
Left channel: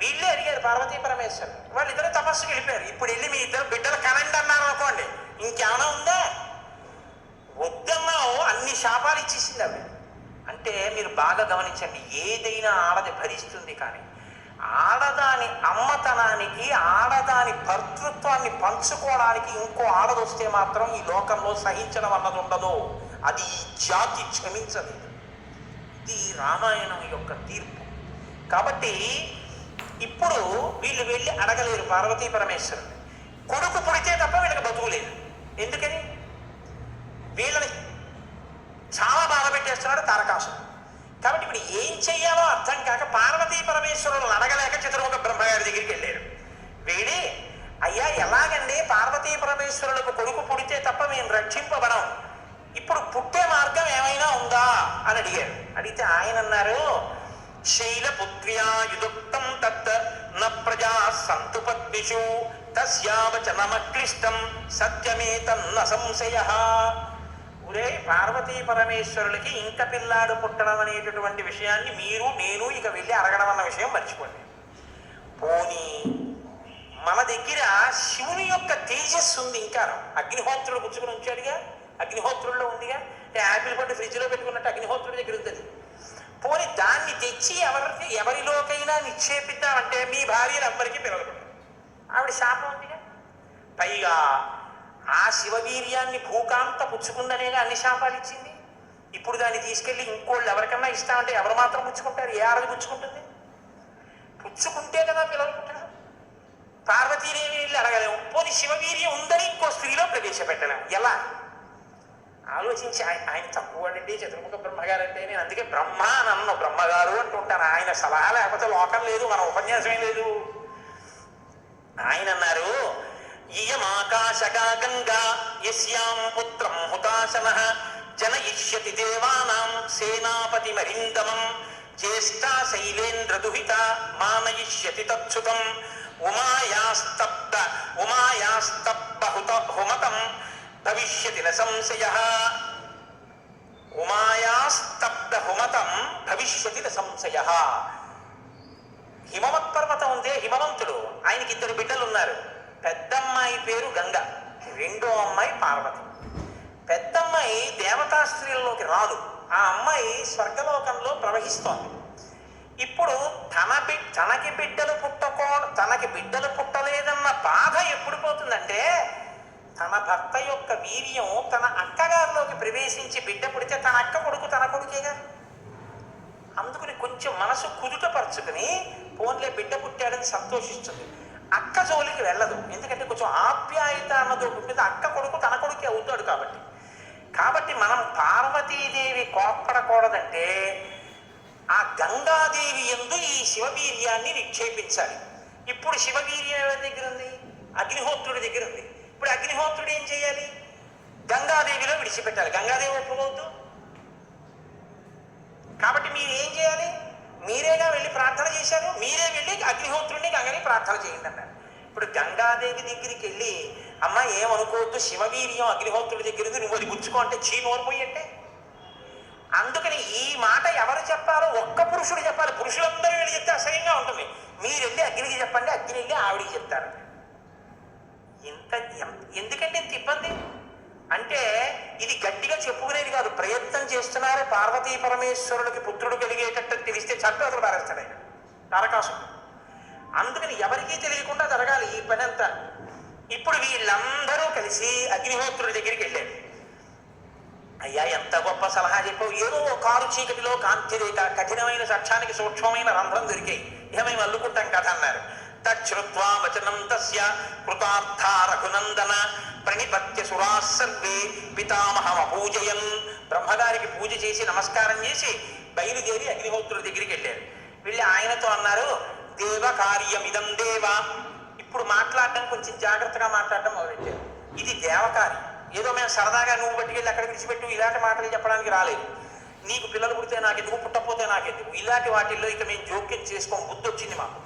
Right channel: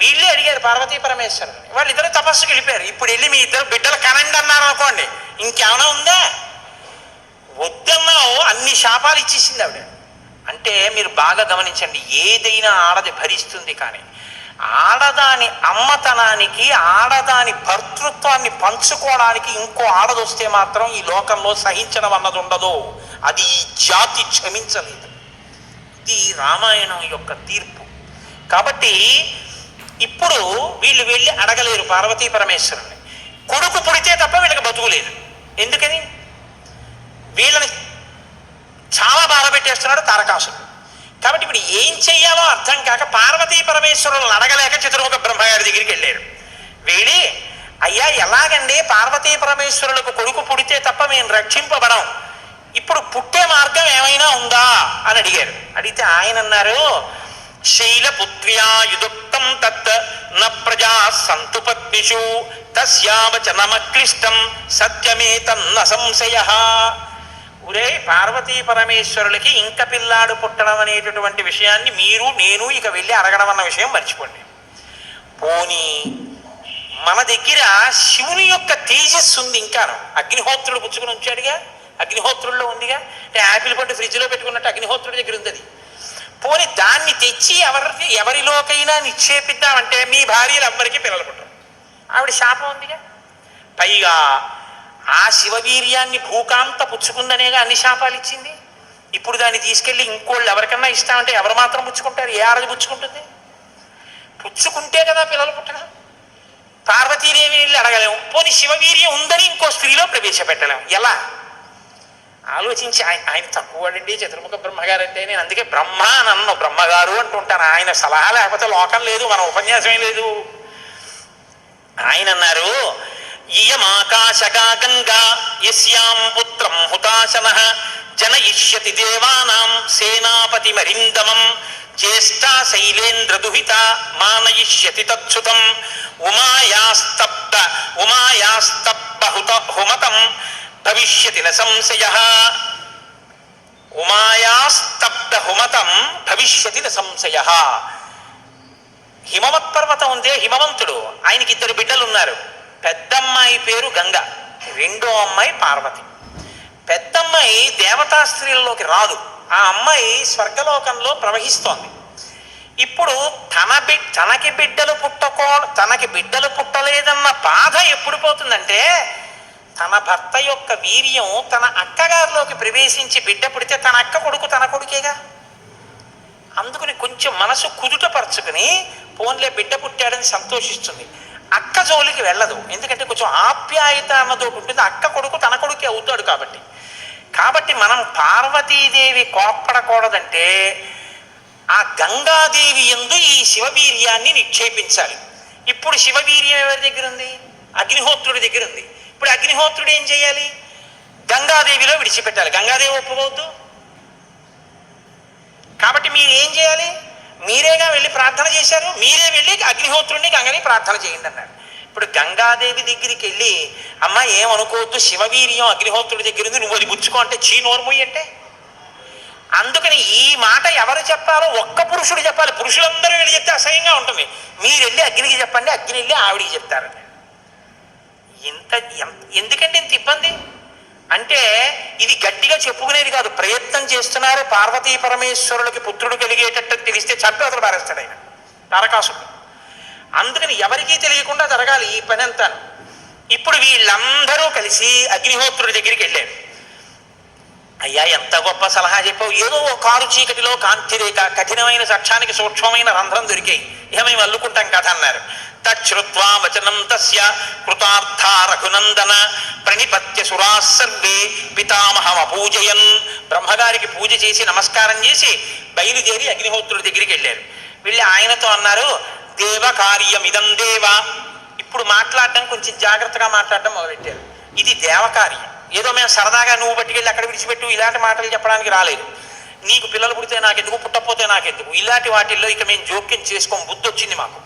వీళ్ళే అడిగారు పార్వతీ పరమేశ్వరుని, వాళ్ళిద్దరు తపస్సుకి వెళ్ళిపోయారు. ఇప్పుడు వెళ్ళి మీ ఇద్దరు బిడ్డలు కనండి అన్నారు అనుకోండి, ఇంకేమైనా ఉందా? వద్దన్నావు, అన్ని శాపాలు ఇచ్చేసింది ఆవిడ. అంటే మీరు బాగా గమనించండి, ఏదైనా ఆడది భరిస్తుంది, కానీ ఆడదాని అమ్మతనానికి, ఆడదాని భర్తృత్వాన్ని పంచుకోవడానికి ఇంకో ఆడదొస్తే మాత్రం ఈ లోకంలో సహించడం అన్నది ఉండదు. అది ఈ జాతి క్షమించలేదు. ఇది రామాయణం యొక్క తీర్పు. కాబట్టి ఇప్పుడు వీళ్ళు వెళ్ళి అడగలేరు పార్వతీ పరమేశ్వరుని. కొడుకు పుడితే తప్ప వీళ్ళకి బతుకులేదు. ఎందుకని? వీళ్ళని చాలా బాధ పెట్టేస్తున్నాడు తారకాసురుడు. కాబట్టి ఇప్పుడు ఏం చెయ్యాలో అర్థం కాక పార్వతీ పరమేశ్వరులను అడగలేక చతుర్ముఖ బ్రహ్మగారి దగ్గరికి వెళ్ళారు. వెళ్ళి, అయ్యా ఎలాగండి పార్వతీ పరమేశ్వరులకు కొడుకు పుడితే తప్ప మేము రక్షింపబడం, ఇప్పుడు పుట్టే మార్గం ఏమైనా ఉందా అని అడిగారు. అడిగితే ఆయన అన్నారు, శైలపుత్ర్యా యుదుక్తం తత్ న ప్రజా సంతు పద్మిషు తస్యావచనమక్లిష్టం సత్యమే తన్న సంశయ. ఒరే పార్వతీ పరమేశ్వరులకి ఇంక పిల్లాడు పుట్టడం అనేటటువంటి విషయాన్ని మీరు నేను ఇక వెళ్ళి అడగడం అన్న విషయం మర్చిపోండి. పోనీ మన దగ్గర శివుని యొక్క తేజస్సు ఉంది. ఇంకా అగ్నిహోత్రుడు పుచ్చుకుని ఉంచాడుగా, అగ్నిహోత్రుల్లో ఉందిగా. అంటే యాపిల్ పండు ఫ్రిడ్జ్లో పెట్టుకున్నట్టు అగ్నిహోత్రుడి దగ్గర ఉంది. పోని దాన్ని తెచ్చి ఎవరిలోకైనా నిక్షేపిద్దామంటే మీ భార్యలు ఎవ్వరికీ పిల్లలు పుట్టరు. ఆవిడ శాపం ఉందిగా. పైగా ఆ శివవీర్యాన్ని భూకాంత పుచ్చుకుందనేగా అన్ని శాపాలు ఇచ్చింది. ఇప్పుడు దాన్ని తీసుకెళ్ళి ఇంకోళ్ళు ఎవరికన్నా ఇస్తామంటే ఎవరు మాత్రం పుచ్చుకుంటారు? ఏ ఆడది పుచ్చుకుంటుంది? పుచ్చుకుంటే కదా పిల్లలు పుట్టడం. పార్వతీదేవి వెళ్ళి అడగలేము. పోనీ శివవీర్యం ఉందని ఇంకో స్త్రీలో ప్రవేశపెట్టలేము. ఎలా ఆలోచించి ఆయన తక్కువడండి చతుర్ముఖ బ్రహ్మగారు అంటే. నేను అందుకే బ్రహ్మ నన్ను బ్రహ్మగారు అంటుంటాను. ఆయన సలహా లేకపోతే లోకం లేదు, మన ఉపన్యాసమే లేదు. ఆయన అన్నారు, ఇయమాకాశగా గంగా యస్యాం పుత్రం హుతాశనః జనయిష్యతి దేవానాం సేనాపతి మరిందమం జ్యేష్ఠా శైలేంద్ర దుహిత మానయిష్యతి తచ్చుతం ఉమాయాస్తప్త హుమతం భవిష్యతి న సంశయః. ఉమాయాస్తప్త హుమతం భవిష్యతి న సంశయః. హిమవత్ పర్వతం ఉందే, హిమవంతుడు, ఆయనకి 2 బిడ్డలు ఉన్నారు. పెద్దమ్మాయి పేరు గంగ, రెండో అమ్మాయి పార్వతి. పెద్దమ్మాయి దేవతా స్త్రీలలోకి రాదు. ఆ అమ్మాయి స్వర్గలోకంలో ప్రవహిస్తోంది. ఇప్పుడు తనకి బిడ్డలు పుట్టలేదన్న బాధ ఎప్పుడు పోతుందంటే, తన భర్త యొక్క వీర్యం తన అక్కగారిలోకి ప్రవేశించి బిడ్డ పుడితే తన అక్క కొడుకు తన కొడుకేగా. అందుకని కొంచెం మనసు కుదుటపరుచుకుని పోన్లే బిడ్డ పుట్టాడని సంతోషిస్తుంది. అక్క జోలికి వెళ్ళదు. ఎందుకంటే కొంచెం ఆప్యాయత అన్నదో ఉంటుంది. అక్క కొడుకు తన కొడుకే అవుతాడు కాబట్టి మనం పార్వతీదేవి కోప్పడకూడదంటే ఆ గంగాదేవి యందు ఈ శివవీర్యాన్ని నిక్షేపించాలి. ఇప్పుడు శివవీర్యం ఎవరి దగ్గర ఉంది? అగ్నిహోత్రుడి దగ్గర ఉంది. ఇప్పుడు అగ్నిహోత్రుడు ఏం చేయాలి? గంగాదేవిలో విడిచిపెట్టాలి. గంగాదేవి ఒప్పుకోవద్దు. కాబట్టి మీరు ఏం చేయాలి? మీరేగా వెళ్ళి ప్రార్థన చేశారు. మీరే వెళ్ళి అగ్నిహోత్రుడిని గంగని ప్రార్థన చేయండి అన్నాడు. ఇప్పుడు గంగాదేవి దగ్గరికి వెళ్ళి, అమ్మ ఏమనుకోవద్దు, శివవీర్యం అగ్నిహోత్రుడి దగ్గర ఉంది, నువ్వు అది పుచ్చుకో అంటే చీ నోరుమోయి అంటే. అందుకని ఈ మాట ఎవరు చెప్పాలో ఒక్క పురుషుడు చెప్పాలి. పురుషులందరూ వెళ్ళి చెప్తే అసహ్యంగా ఉంటుంది. మీరు వెళ్ళి అగ్నికి చెప్పండి, అగ్ని వెళ్ళి ఆవిడికి చెప్తారు. ఎందుకంటే ఇంత ఇబ్బంది అంటే ఇది గట్టిగా చెప్పుకునేది కాదు. ప్రయత్నం చేస్తున్నారు. పార్వతీ పరమేశ్వరులకి పుత్రుడు కలిగేటట్టు తెలిస్తే చట్టు అతను పారేస్తాడు ఆయన తారకాసుడు. అందుకని ఎవరికీ తెలియకుండా జరగాలి ఈ పని అంతా. ఇప్పుడు వీళ్ళందరూ కలిసి అగ్నిహోత్రుడి దగ్గరికి వెళ్ళారు. అయ్యా ఎంత గొప్ప సలహా చెప్పావు. ఏదో కారు చీకటిలో కాంతిరేఖ, కఠినమైన సాక్ష్యానికి సూక్ష్మమైన రంధ్రం దొరికాయి, ఇక మేము అల్లుకుంటాం కథ అన్నారు. తచ్చుత్వా వచనం తస్య కృతార్థ రఘునందన ప్రణిపత్య సురా సర్వే పితామహం అపూజయన్. బ్రహ్మగారికి పూజ చేసి నమస్కారం చేసి బయలుదేరి అగ్నిహోత్రుడి దగ్గరికి వెళ్ళారు. వెళ్ళి ఆయనతో అన్నారు, దేవ కార్యమిదం దేవ. ఇప్పుడు మాట్లాడడం కొంచెం జాగ్రత్తగా మాట్లాడడం మొదలెట్టారు. ఇది దేవకార్యం. ఏదో మేము సరదాగా నువ్వు పట్టుకెళ్ళి అక్కడ విడిచిపెట్టు ఇలాంటి మాటలు చెప్పడానికి రాలేదు. నీకు పిల్లలు పుడితే నాకెందుకు, పుట్టకపోతే నాకెందుకు, ఇలాంటి వాటిల్లో ఇక మేము జోక్యం చేసుకోం. బుద్ధి వచ్చింది మాకు.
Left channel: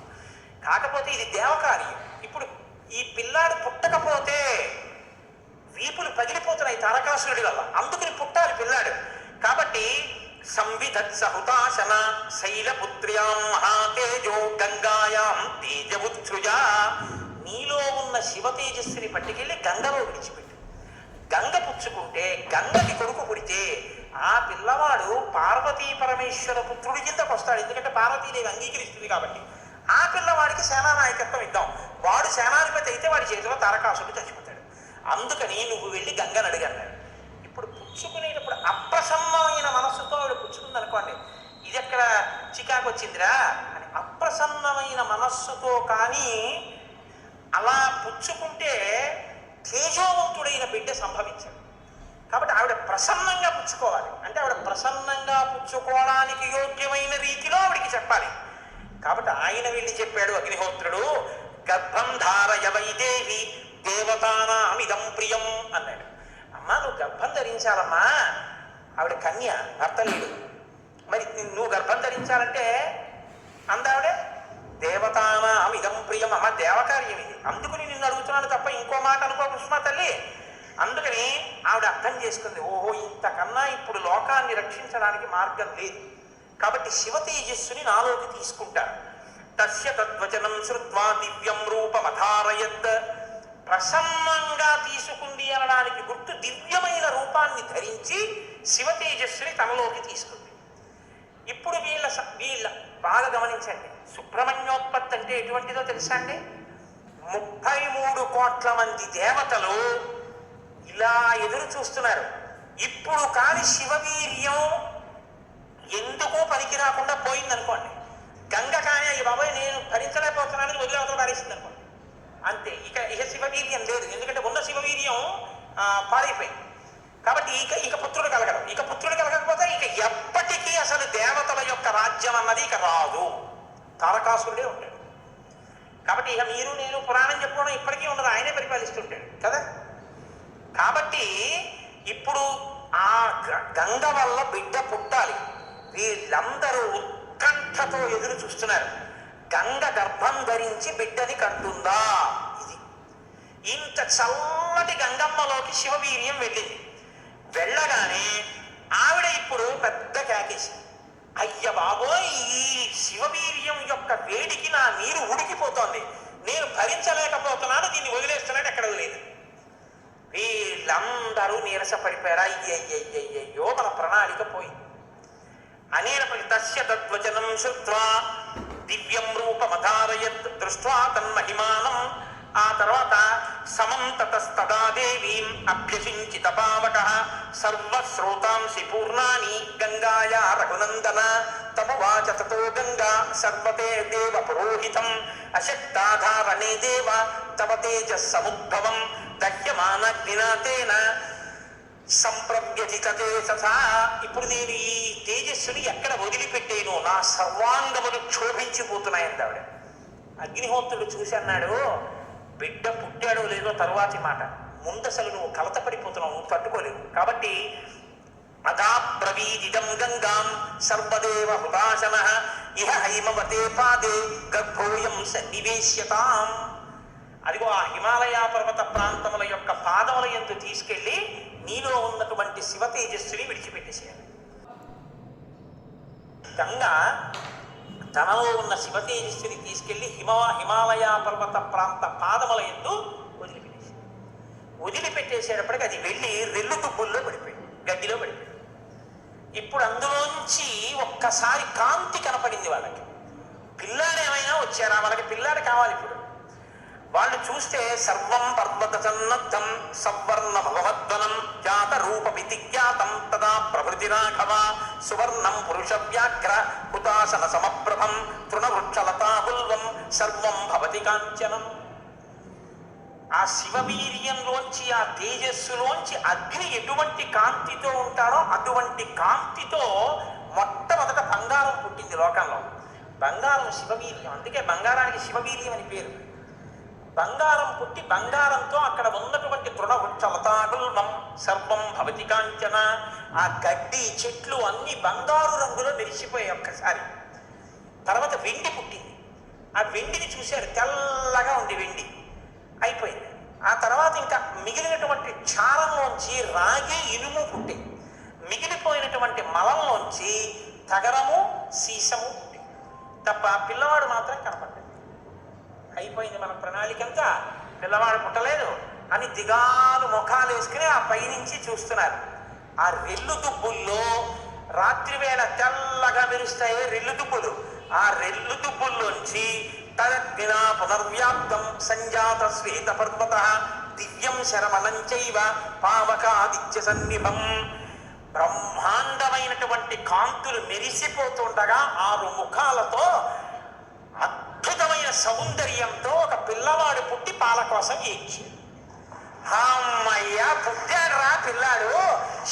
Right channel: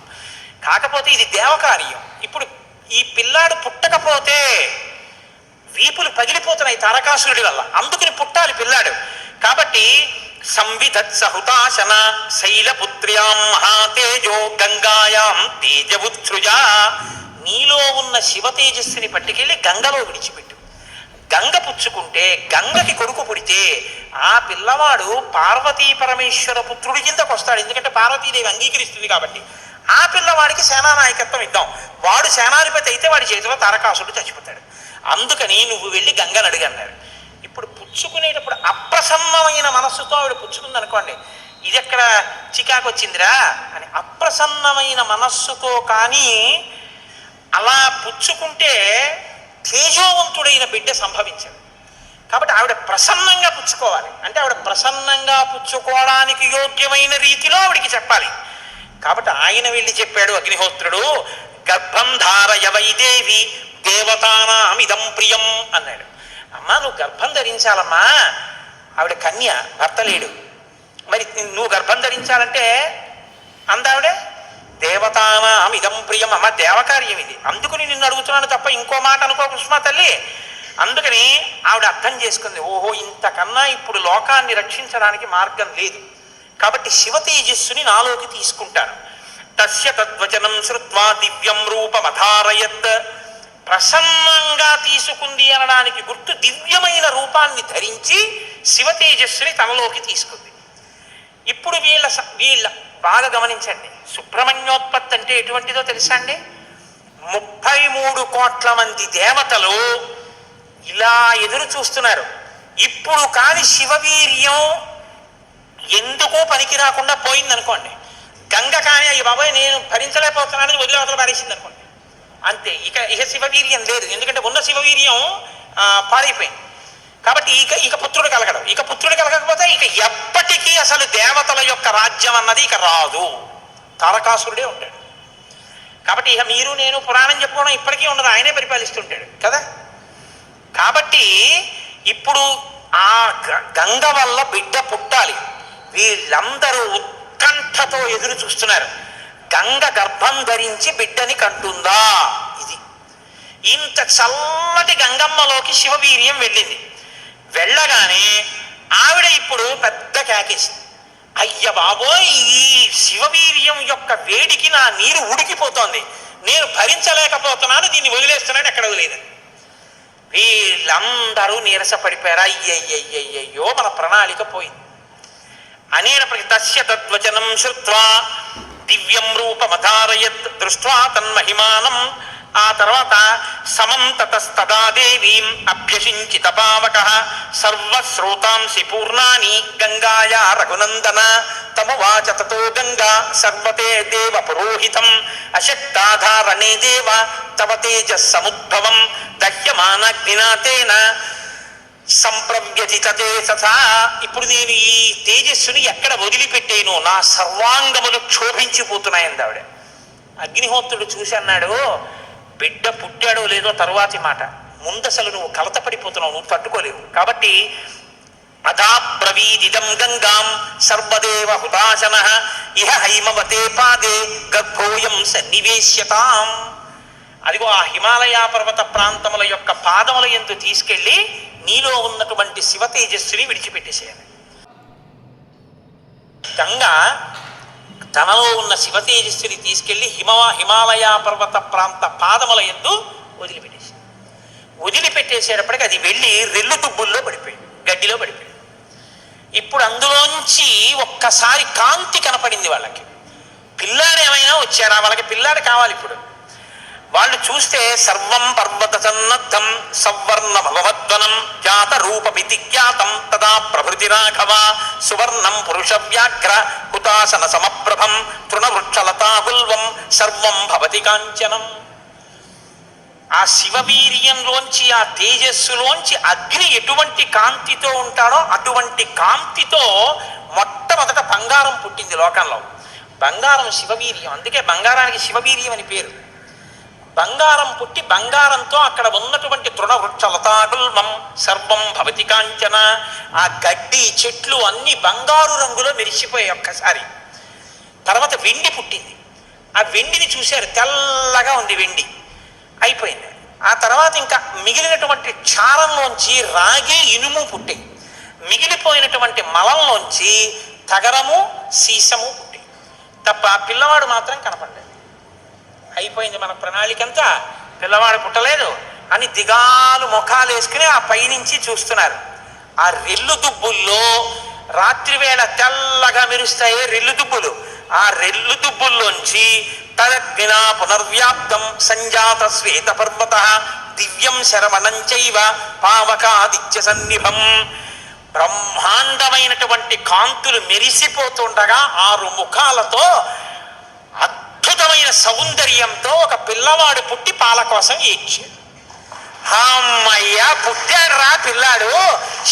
కాకపోతే ఇది దేవకార్యం. ఇప్పుడు ఈ పిల్లాడు పుట్టకపోతే వీపులు పగిలిపోతున్నాయి తారకాసురుడి వల్ల. అందుకని పుట్టాలి పిల్లాడు. కాబట్టి సంవిధత్సహుతాశన శైలపుత్ర్యాం మహాతేజో గంగాయాం తేజవుత్సృజా. నీలో ఉన్న శివ తేజస్సుని పట్టుకెళ్ళి గంగలో విడిచిపెట్టు. గంగ పుచ్చుకుంటే, గంగకి కొడుకు పుడితే ఆ పిల్లవాడు పార్వతీ పరమేశ్వర పుత్రుడి కిందకు వస్తాడు. ఎందుకంటే పార్వతీదేవి అంగీకరిస్తుంది కాబట్టి. ఆ పిల్లవాడికి సేనానాయకత్వం ఇద్దాం. వాడు సేనాధిపతి అయితే వాడి చేతిలో తారకాసుడు చచ్చిపోతాడు. అందుకని నువ్వు వెళ్ళి గంగను అడిగన్నారు. ఇప్పుడు పుచ్చుకునేటప్పుడు అప్రసన్నమైన మనస్సుతో ఆవిడ పుచ్చుకుంది అనుకోండి, ఇది ఎక్కడ చికాకు వచ్చిందిరా అని. అప్రసన్నమైన మనస్సుతో కానీ అలా పుచ్చుకుంటే తేజోవంతుడైన బిడ్డ సంభవించాడు. కాబట్టి ఆవిడ ప్రసన్నంగా పుచ్చుకోవాలి. అంటే ఆవిడ ప్రసన్నంగా పుచ్చుకోవడానికి యోగ్యమైన రీతిలో ఆవిడికి చెప్పాలి. కాబట్టి ఆయన వెళ్ళి చెప్పాడు అగ్నిహోత్రుడు, గర్భం ధారయ వైదేవి దేవతానామిదం ప్రియం అన్నాడు. అమ్మా నువ్వు గర్భం ధరించాలమ్మా, ఆవిడ కన్య, భర్త లేడు, మరి నువ్వు గర్భం ధరించాలంటే అందావిడే దేవతానాం ఇదం ప్రియం, అమ్మ దేవకార్యం ఇది, అందుకుని నిన్ను అడుగుతున్నాను తప్ప ఇంకో మాట అనుకో కుసుమా తల్లి. అందుకని ఆవిడ అర్థం చేసుకుంది, ఓహో ఇంతకన్నా ఇప్పుడు లోకాన్ని రక్షించడానికి మార్గం లేదు, కాబట్టి శివ తేజస్సుని నాలోకి తీసుకుంటాను. తస్య తద్వచనం శ్రుత్వా దివ్యం రూపమధారయత్, ప్రసన్నంగా తీసుకుంది అనడానికి గుర్తు దివ్యమైన రూపాన్ని ధరించి శివ తేజస్సుని తనలోకి తీసుకుంది. ఇప్పుడు వీళ్ళ బాగా గమనించండి, సుబ్రహ్మణ్యోత్పత్తి అంటే ఎటువంటిదో తెలుసా అండి? 33 కోట్ల మంది దేవతలు ఇలా ఎదురు చూస్తున్నారు. ఇప్పుడు కాని శివవీర్యం ఎందుకో పనికి రాకుండా పోయిందనుకోండి, గంగ కానీ అయ్యి బాబాయ్ నేను భరించలేకపోతున్నానని వదిలేవతలు పారేసింది అనుకోండి, అంతే, ఇక శివవీర్యం లేదు. ఎందుకంటే ఉన్న శివవీర్యం పాడైపోయింది. కాబట్టి ఇక పుత్రుడు కలగడం, ఇక పుత్రుడు కలగకపోతే ఇక ఎప్పటికీ అసలు దేవతల యొక్క రాజ్యం అన్నది ఇక రాదు, తారకాసురుడే ఉంటాడు. కాబట్టి ఇక మీరు నేను పురాణం చెప్పుకోవడం ఇప్పటికీ ఉండదు, ఆయనే పరిపాలిస్తుంటాడు కదా. కాబట్టి ఇప్పుడు ఆ గంగ వల్ల బిడ్డ పుట్టాలి, వీళ్ళందరూ ఉత్కంఠతో ఎదురు చూస్తున్నారు. గంగ గర్భం ధరించి బిడ్డని కంటుందా? ఇది ఇంత చల్లటి గంగమ్మలోకి శివవీర్యం వెళ్ళింది. వెళ్ళగానే ఆవిడ ఇప్పుడు పెద్ద కేకేసింది, అయ్య బాబోయ్ ఈ శివవీర్యం యొక్క వేడికి నా నీరు ఉడికిపోతోంది, నేను భరించలేకపోతున్నాను, దీన్ని వదిలేస్తున్నాను, ఎక్కడ వదిలేదు. వీళ్ళందరూ నీరసపడిపోయారు, అయ్యయ్యయ్యయ్యో మన ప్రణాళిక పోయింది. అనేనప్పటికీ తస్య తద్వచనం శ్రుత్వా దివ్యం రూపమధారయత్ దృష్ట్వా తన్మహిమానం, ఆ తర్వాత సమం తతస్తదా దేవీం అభ్యసించిత పావకః సర్వశ్రోతాంసి పూర్ణాని గంగాయా రఘునందన తమువాచ తతో గంగా సర్వతే దేవ పురోహితం అశక్తాధారణే దేవ తవ తేజస్సముద్భవం దహ్యమానగ్నినాథేన సంప్రవ్యజితతే తథా. ఇప్పుడు నేను ఈ తేజస్సుని ఎక్కడ వదిలిపెట్టేను, నా సర్వాంగములు క్షోభించిపోతున్నాయంది ఆవిడ. అగ్నిహోత్రుడు చూసి అన్నాడు, బిడ్డ పుట్టాడో లేదో తరువాతి మాట, ముందసలు నువ్వు కలతపడిపోతున్నావు, నువ్వు తట్టుకోలేవు. కాబట్టి అదాబ్రవీదిదం గంగాం సర్వదేవ హుతాశనః ఇహ హైమవతే పాదే గర్భోయం సన్నివేశ్యతాం. అదిగో ఆ హిమాలయ పర్వత ప్రాంతముల యొక్క పాదముల యందు తీసుకెళ్లి నీలో ఉన్నటువంటి శివ తేజస్సుని విడిచిపెట్టేసేయాలి. గంగ తనలో ఉన్న శివ తేజస్సుని తీసుకెళ్లి హిమాలయ పర్వత ప్రాంత పాదముల యందు వదిలిపెట్టేసేటప్పటికి అది వెళ్ళి రెల్లు దుబ్బుల్లో పడిపోయింది, గడ్డిలో పడిపోయింది. ఇప్పుడు అందులోంచి ఒక్కసారి కాంతి కనపడింది వాళ్ళకి. పిల్లాడు ఏమైనా వచ్చారా? వాళ్ళకి పిల్లాడు కావాలి. ఇప్పుడు వాళ్ళు చూస్తే సర్వం పర్వత సన్నద్ధం సవర్ణ భగవద్వనం జాత రూపమితి జ్ఞాతం తదా ప్రభృతి రాఘవ సువర్ణం పురుష వ్యాఘ్ర హుతాసన సమప్రభం తృణవృక్షలతాగుల్వం సర్వం భవతి కాంచనం. ఆ శివవీర్యంలోంచి ఆ తేజస్సులోంచి అగ్ని ఎటువంటి కాంతితో ఉంటాడో అటువంటి కాంతితో మొట్టమొదట బంగారం పుట్టింది లోకంలో. బంగారం శివవీర్యం, అందుకే బంగారానికి శివవీర్యం అని పేరు. బంగారం పుట్టి బంగారంతో అక్కడ ఉన్నటువంటి తృణవృక్ష లతాగుల్మం సర్వం భవతి కాంచన, ఆ గడ్డి చెట్లు అన్ని బంగారు రంగులో మెరిసిపోయాయి ఒక్కసారి. తర్వాత వెండి పుట్టింది. ఆ వెండిని చూశారు, తెల్లగా ఉంది వెండి, అయిపోయింది. ఆ తర్వాత ఇంకా మిగిలినటువంటి క్షారంలోంచి రాగి ఇనుము పుట్టాయి. మిగిలిపోయినటువంటి మలంలోంచి తగరము సీసము పుట్టాయి తప్ప పిల్లవాడు మాత్రం కనపడ్డాడు. అయిపోయింది మన ప్రణాళిక అంతా, పిల్లవాడు పుట్టలేదు అని దిగాలు ముఖాలు వేసుకుని ఆ పైనుంచి చూస్తున్నారు. ఆ రెల్లు దుబ్బుల్లో రాత్రివేళ తెల్లగా మెరుస్తాయి రెల్లు దుబ్బులు. ఆ రెల్లు దుబ్బుల్లోంచి తదగ్నినా పునర్వ్యాప్తం సంజాత శ్వేత పర్వత దివ్యం శరవణం చైవ పావకాదిత్య సన్నిభం. బ్రహ్మాండమైనటువంటి కాంతులు మెరిసిపోతుండగా 6 ముఖాలతో అద్భుతమైన సౌందర్యంతో ఒక పిల్లవాడు పుట్టి పాల కోసం ఏడ్చాడు. అమ్మయ్య పుట్టాడు రా పిల్లాడు,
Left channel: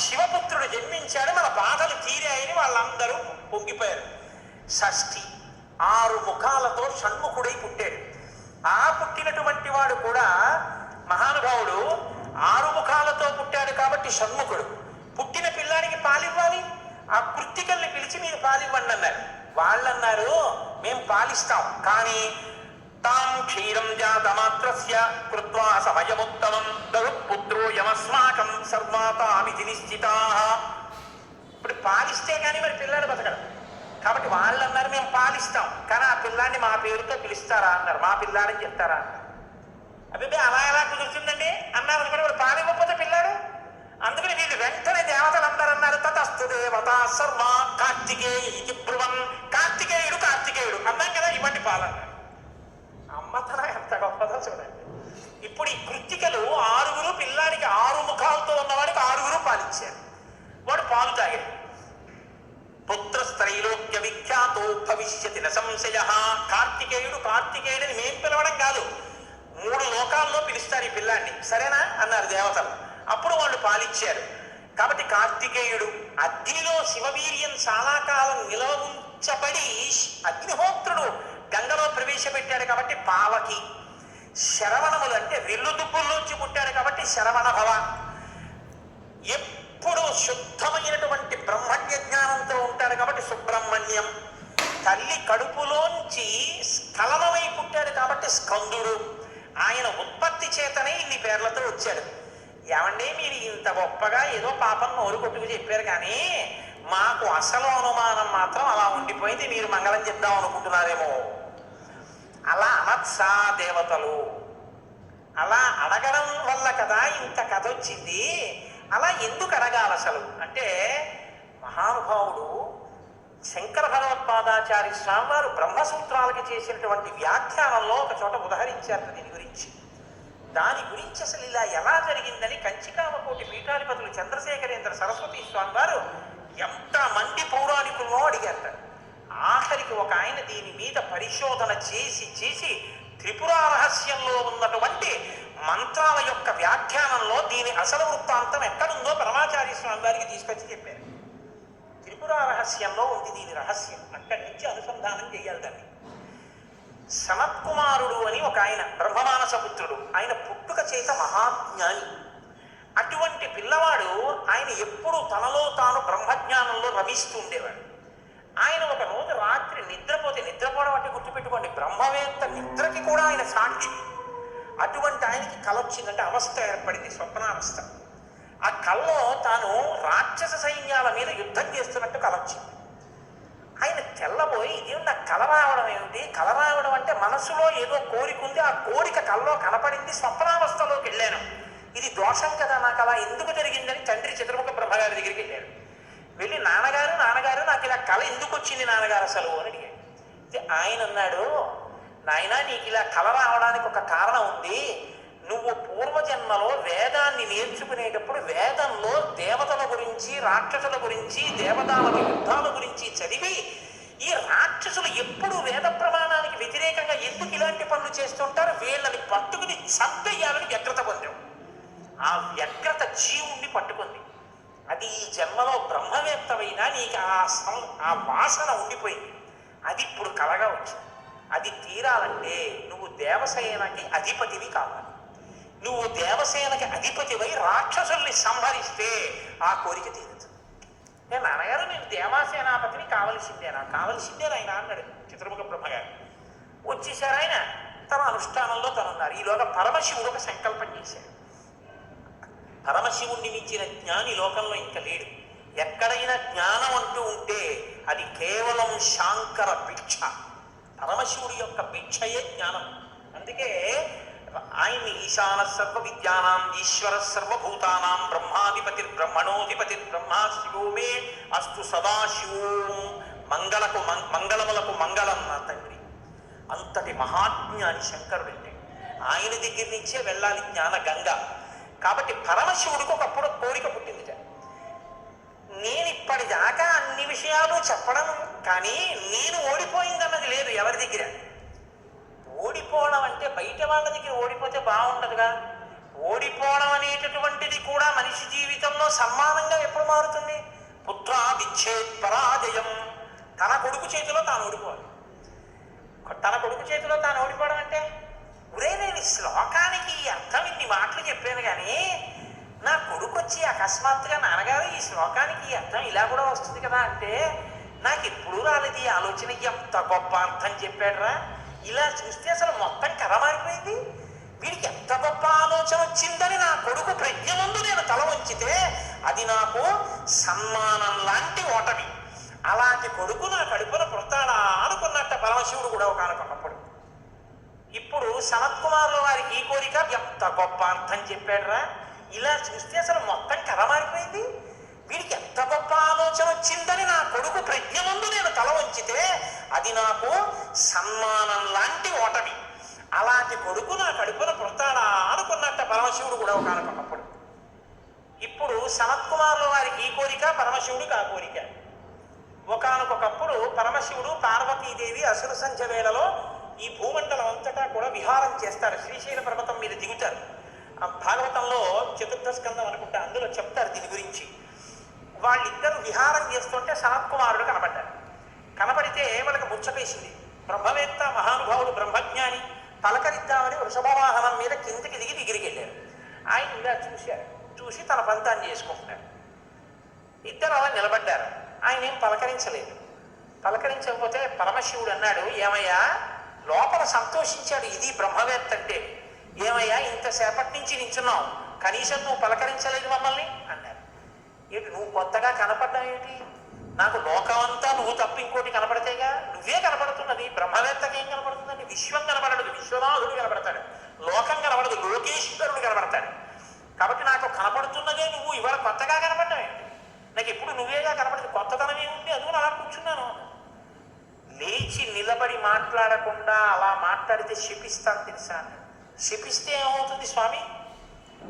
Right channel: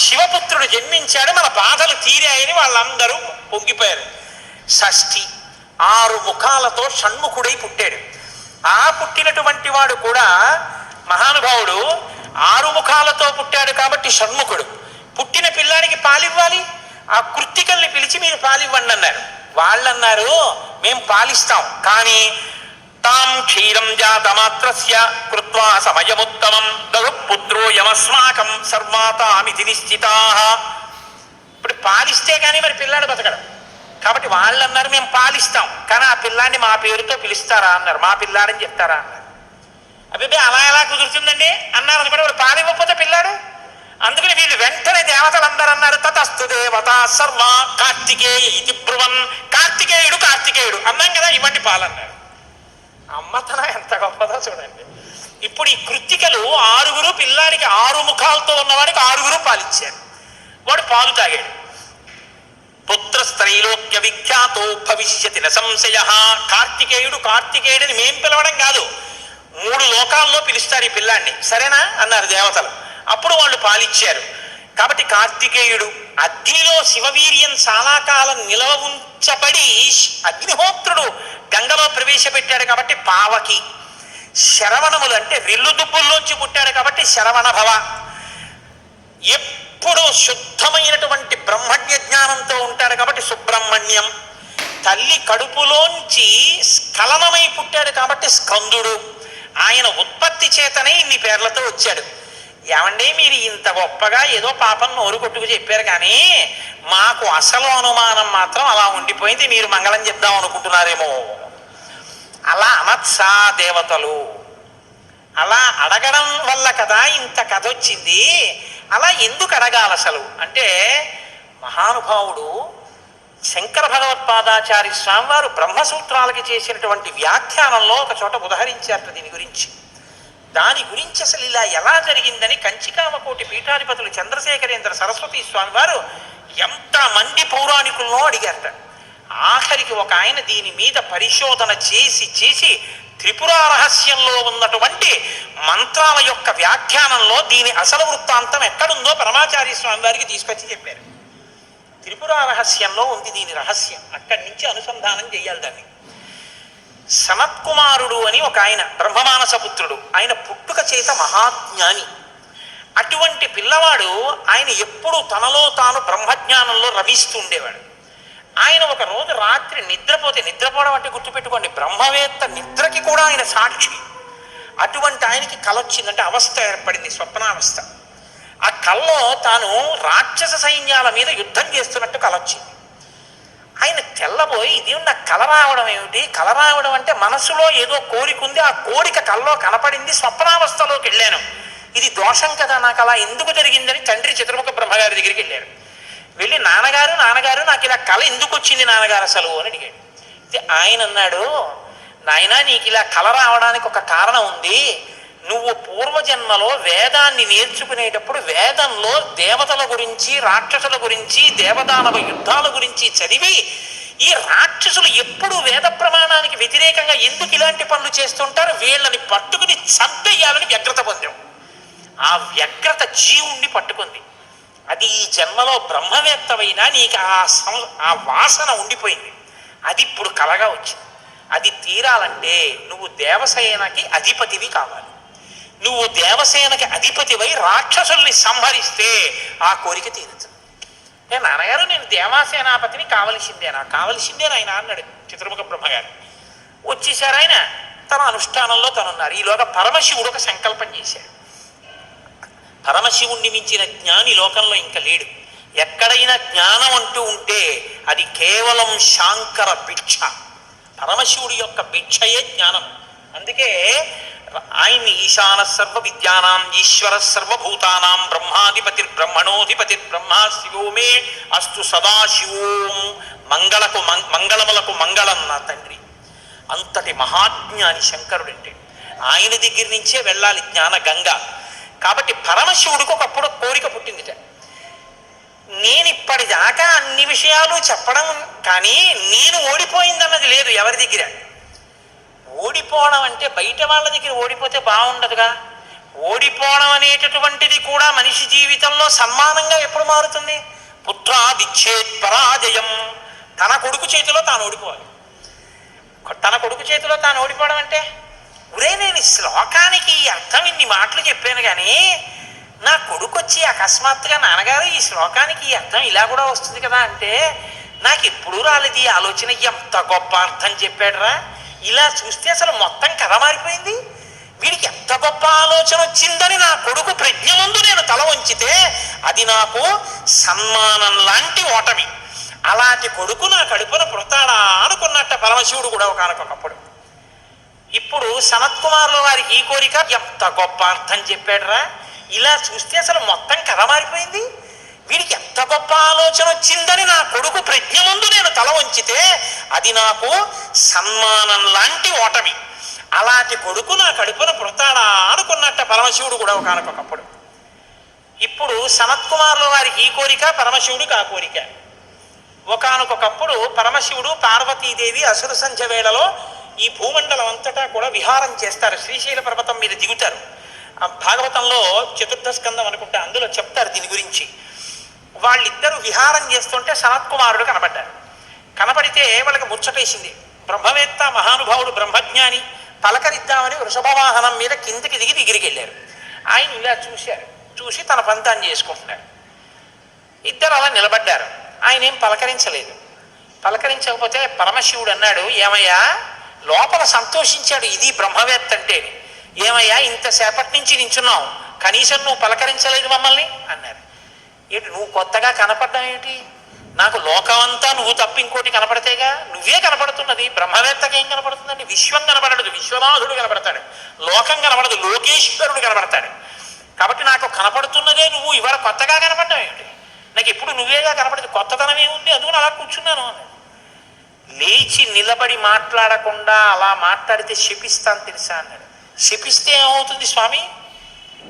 శివపుత్రుడు జన్మించాడు, మన బాధలు తీరాయని వాళ్ళందరూ పొంగిపోయారు. షష్ఠి 6 ముఖాలతో షణ్ముఖుడై పుట్టాడు. ఆ పుట్టినటువంటి వాడు కూడా మహానుభావుడు 6 ముఖాలతో పుట్టాడు కాబట్టి షణ్ముఖుడు. పుట్టిన పిల్లాడికి పాలివ్వాలి, ఆ కృత్తికల్ని పిలిచి మీరు పాలివ్వండి అన్నారు. వాళ్ళన్నారు మేం పాలిస్తాం, కానీ తాం క్షీరం జాతమాత్రస్య కృత్వా సమయముత్తమం పుత్రో యమస్మాకం సర్వాతామితి నిశ్చితాః. ఇప్పుడు పాలిస్తే కానీ మరి పిల్లాడు బతకడం. కాబట్టి వాళ్ళు అన్నారు మేము పాలిస్తాం, కానీ ఆ పిల్లాన్ని మా పేరుతో పిలుస్తారా అన్నారు. మా పిల్లాడని చెప్తారా అన్నారు. అబ్బాయి అలా ఎలా కుదురుతుందండి అన్నారు అనుకోండి. వాడు పాలివ్వకపోతే పిల్లాడు. అందుకని వీళ్ళు వెంటనే దేవతలందరూ అన్నారు తతస్తు దేవత సర్వ కార్తికేయ ఇది బ్రువన్. కార్తికేయుడు అన్నాం కదా, ఇవ్వండి పాలన్నారు. అమ్మతనం ఎంత గొప్పదో చూడండి. ఇప్పుడు ఈ కృత్తికలు 6 పిల్లాడికి 6 ముఖాలతో ఉన్నవాడికి 6 పాలిచ్చారు. వాడు పాలు తాగాడు. పుత్రస్త్రైలోక్య విఖ్యాతో భవిష్యతి న సంశయ. కార్తికేయుడని మేం పిలవడం కాదు, 3 లోకాల్లో పిలుస్తారు ఈ పిల్లాన్ని, సరేనా అన్నారు దేవతలు. అప్పుడు వాళ్ళు పాలిచ్చారు. కాబట్టి కార్తికేయుడు అగ్నిలో శివవీర్యం చాలా కాలం నిలవ ఉంచబడి అగ్నిహోత్రుడు గంగలో ప్రవేశపెట్టాడు కాబట్టి పావకి. శరవణములు అంటే రెల్లు దుబ్బుల్లోంచి పుట్టాడు కాబట్టి శరవణ భవ. ఎప్పుడూ శుద్ధమైనటువంటి బ్రహ్మణ్య జ్ఞానంతో ఉంటాడు కాబట్టి సుబ్రహ్మణ్యం. తల్లి కడుపులోంచి స్ఖలనమై పుట్టాడు కాబట్టి స్కందుడు. ఆయన ఉత్పత్తి చేతనే ఇన్ని పేర్లతో వచ్చాడు. ఏమండి మీరు ఇంత గొప్పగా ఏదో పాపం నోరు కొట్టుకు చెప్పారు, కానీ మాకు అసలు అనుమానం మాత్రం అలా ఉండిపోయింది. మీరు మంగళం చెప్దాం అనుకుంటున్నారేమో. అలా అనత్సా దేవతలు. అలా అడగడం వల్ల కదా ఇంత కథ వచ్చింది. అలా ఎందుకు అడగాలి అసలు అంటే, మహానుభావుడు శంకర భగవత్పాదాచార్య స్వామి వారు బ్రహ్మసూత్రాలకి చేసినటువంటి వ్యాఖ్యానంలో ఒక చోట ఉదహరించారట దీని గురించి. దాని గురించి అసలు ఇలా ఎలా జరిగిందని కంచికామకోటి పీఠాధిపతులు చంద్రశేఖరేంద్ర సరస్వతి స్వామి వారు ఎంతమంది పౌరాణికులను అడిగారట. ఆఖరికి ఒక ఆయన దీని మీద పరిశోధన చేసి త్రిపుర రహస్యంలో ఉన్నటువంటి మంత్రాల యొక్క వ్యాఖ్యానంలో దీని అసలు వృత్తాంతం ఎక్కడుందో పరమాచార్య స్వామి వారికి తీసుకొచ్చి చెప్పారు. త్రిపుర రహస్యంలో ఉంది దీని రహస్యం, అక్కడి నుంచి అనుసంధానం చేయాలి దాన్ని. సనత్కుమారుడు అని ఒక ఆయన బ్రహ్మమానస పుత్రుడు. ఆయన పుట్టుక చేత మహాజ్ఞాని. అటువంటి పిల్లవాడు ఆయన ఎప్పుడూ తనలో తాను బ్రహ్మజ్ఞానంలో రమిస్తూ ఉండేవాడు. ఆయన ఒక రోజు రాత్రి నిద్రపోవడం అంటే గుర్తుపెట్టుకోండి, బ్రహ్మవేత్త నిద్రకి కూడా ఆయన సాక్షి. అటువంటి ఆయనకి కల వచ్చిందంటే అవస్థ ఏర్పడింది, స్వప్నావస్థ. ఆ కల్లో తాను రాక్షస సైన్యాల మీద యుద్ధం చేస్తున్నట్టు కల వచ్చింది. ఆయన తెల్లబోయి ఇది నాకు కల రావడం ఏమిటి, కల రావడం అంటే మనసులో ఏదో కోరిక ఉంది, ఆ కోరిక కల్లో కనపడింది, స్వప్నావస్థలోకి వెళ్ళాను, ఇది దోషం కదా, నాకు అలా ఎందుకు జరిగిందని తండ్రి చతుర్ముఖ బ్రహ్మగారి దగ్గరికి వెళ్ళారు. వెళ్ళి నాన్నగారు నాకు ఇలా కళ ఎందుకు వచ్చింది నాన్నగారు అసలు అని అడిగాడు. ఆయన అన్నాడు, నాయనా నీకు ఇలా కళ రావడానికి ఒక కారణం ఉంది. నువ్వు పూర్వజన్మలో వేదాన్ని నేర్చుకునేటప్పుడు వేదంలో దేవతల గురించి రాక్షసుల గురించి దేవదానవ యుద్ధాల గురించి చదివి ఈ రాక్షసులు ఎప్పుడు వేద ప్రమాణానికి వ్యతిరేకంగా ఎందుకు ఇలాంటి పనులు చేస్తుంటారు, వీళ్ళని పట్టుకుని చంపేయాలని వ్యగ్రత పొందాం. ఆ వ్యగ్రత జీవుణ్ణి పట్టుకుంది. అది ఈ జన్మలో బ్రహ్మవేత్తమైనా నీకు ఆ వాసన ఉండిపోయింది. అది ఇప్పుడు కలగా వచ్చింది. అది తీరాలంటే నువ్వు దేవసేనకి అధిపతివి కావాలి. నువ్వు దేవసేనకి అధిపతివై రాక్షసుల్ని సంహరిస్తే ఆ కోరిక తీరుతుంది. నాన్నగారు నేను దేవాసేనాపతిని కావలసిందే ఆయన అన్నాడు చతుర్ముఖ బ్రహ్మగారు. వచ్చేసారు ఆయన, తన అనుష్ఠానంలో తనున్నారు. ఈలోగా పరమశివుడు ఒక సంకల్పం చేశాడు. పరమశివుణ్ణి మించిన జ్ఞాని లోకంలో ఇంకా లేడు. ఎక్కడైనా జ్ఞానం అంటూ ఉంటే అది కేవలం శాంకర భిక్ష. పరమశివుడి యొక్క భిక్షయే జ్ఞానం. అందుకే ఆయన్ని ఈశాన సర్వ విద్యానాం ఈశ్వర సర్వభూతానాం బ్రహ్మాధిపతిర్బ్రహ్మణోధిపతిర్ బ్రహ్మ శివో మే అస్తు సదాశివోం మంగళములకు మంగళం నా తండ్రి. అంతటి మహాజ్ఞాని శంకరుడంటే. ఆయన దగ్గర నుంచే వెళ్ళాలి జ్ఞాన గంగ. కాబట్టి పరమశివుడికి ఒకప్పుడు కోరిక పుట్టిందిట, నేను ఇప్పటిదాకా అన్ని విషయాలు చెప్పడం కానీ నేను ఓడిపోయిందన్నది లేదు ఎవరి దగ్గర. ఓడిపోవడం అంటే బయట వాళ్ళ దగ్గర ఓడిపోతే బాగుండదుగా. ఓడిపోవడం అనేటటువంటిది కూడా మనిషి జీవితంలో సన్మానంగా ఎప్పుడు మారుతుంది? పుత్రాదిచ్చేత్ పరాజయం. తన కొడుకు చేతిలో తాను ఓడిపోవాలి. తన కొడుకు చేతిలో తాను ఓడిపోవడం అంటే ఒరే నేను ఈ శ్లోకానికి ఈ అర్థం ఇన్ని మాటలు చెప్పాను కానీ నా కొడుకు వచ్చి అకస్మాత్తుగా నాన్నగారు ఈ శ్లోకానికి ఈ అర్థం ఇలా కూడా వస్తుంది కదా అంటే నాకు ఎప్పుడూ రాలేదు ఈ ఆలోచన. ఎంత గొప్ప అర్థం చెప్పాడురా, ఇలా చూస్తే అసలు మొత్తం కథ మారిపోయింది. వీడికి ఎంత గొప్ప ఆలోచన వచ్చిందని నా కొడుకు ప్రజ్ఞ ముందు నేను తల వంచితే అది నాకు సన్మానం లాంటి ఓటమి. అలాంటి కొడుకు నా కడుపున పుడతాడా అనుకున్నట్ట పరమశివుడు కూడా ఒకనకొకప్పుడు. ఇప్పుడు సనత్కుమారుల వారికి ఈ కోరిక, ఎంత గొప్ప అర్థం చెప్పాడురా, ఇలా చూస్తే అసలు మొత్తం కథ మారిపోయింది. వీడికి ఎంత గొప్ప ఆలోచన వచ్చిందని నా కొడుకు ప్రజ్ఞ ముందు నేను తల వంచితే అది నాకు సన్మానం లాంటి ఓటమి. అలాంటి కొడుకు నా కడుపున పుడతాడా అనుకున్నట్ట పరమశివుడు కూడా ఒకనకొకప్పుడు. ఇప్పుడు సనత్కుమారుల వారికి ఈ కోరిక, పరమశివుడికి ఆ కోరిక. ఒకనకొకప్పుడు పరమశివుడు పార్వతీదేవి అసుర సంధ్య వేళలో ఈ భూమండలం అంతటా కూడా విహారం చేస్తారు. శ్రీశైల పర్వతం మీద దిగుతారు. భాగవతంలో చతుర్థ స్కందం అనుకుంటా, అందులో చెప్తారు దీని గురించి. వాళ్ళిద్దరూ విహారం చేస్తుంటే సనత్కుమారుడు కనబడ్డాడు. కనబడితే వాళ్ళకి ముచ్చటేసింది. బ్రహ్మవేత్త మహానుభావుడు బ్రహ్మజ్ఞాని, పలకరిద్దామని వృషభవాహనం మీద కిందకి దిగి దగ్గరికి వెళ్ళారు. ఆయన ఇలా చూశారు, చూసి తన పంతాన్ని చేసుకుంటున్నాడు. ఇద్దరు అలా నిలబడ్డారు. ఆయన ఏం పలకరించలేదు. పలకరించకపోతే పరమశివుడు అన్నాడు, ఏమయ్యా, లోపల సంతోషించాడు ఇది బ్రహ్మవేత్త అంటే. ఏమయ్యా ఇంతసేపటి నుంచి నించున్నావు, కనీసం నువ్వు పలకరించలేదు మమ్మల్ని అన్నారు. ఏంటి నువ్వు కొత్తగా కనపడ్డావు ఏమిటి? నాకు లోకమంతా నువ్వు తప్ప ఇంకోటి కనపడితేగా, నువ్వే కనపడుతున్నది. బ్రహ్మవేత్తకి ఏం కనపడుతుందండి? విశ్వం కనపడదు, విశ్వనాథుడు కనపడతాడు. లోకం కనపడదు, లోకేశ్వరుడు కనపడతాడు. కాబట్టి నాకు కనపడుతున్నదే నువ్వు, ఇవాళ కొత్తగా కనపడ్డావు ఏమిటి? నాకు ఎప్పుడు నువ్వేగా కనపడదు, కొత్తదనం ఏముంది, అందుకని అలా కూర్చున్నాను అన్నాడు. లేచి నిలబడి మాట్లాడకుండా అలా మాట్లాడితే శపిస్తాను తెలుసా అన్నాడు. శపిస్తే ఏమవుతుంది స్వామి?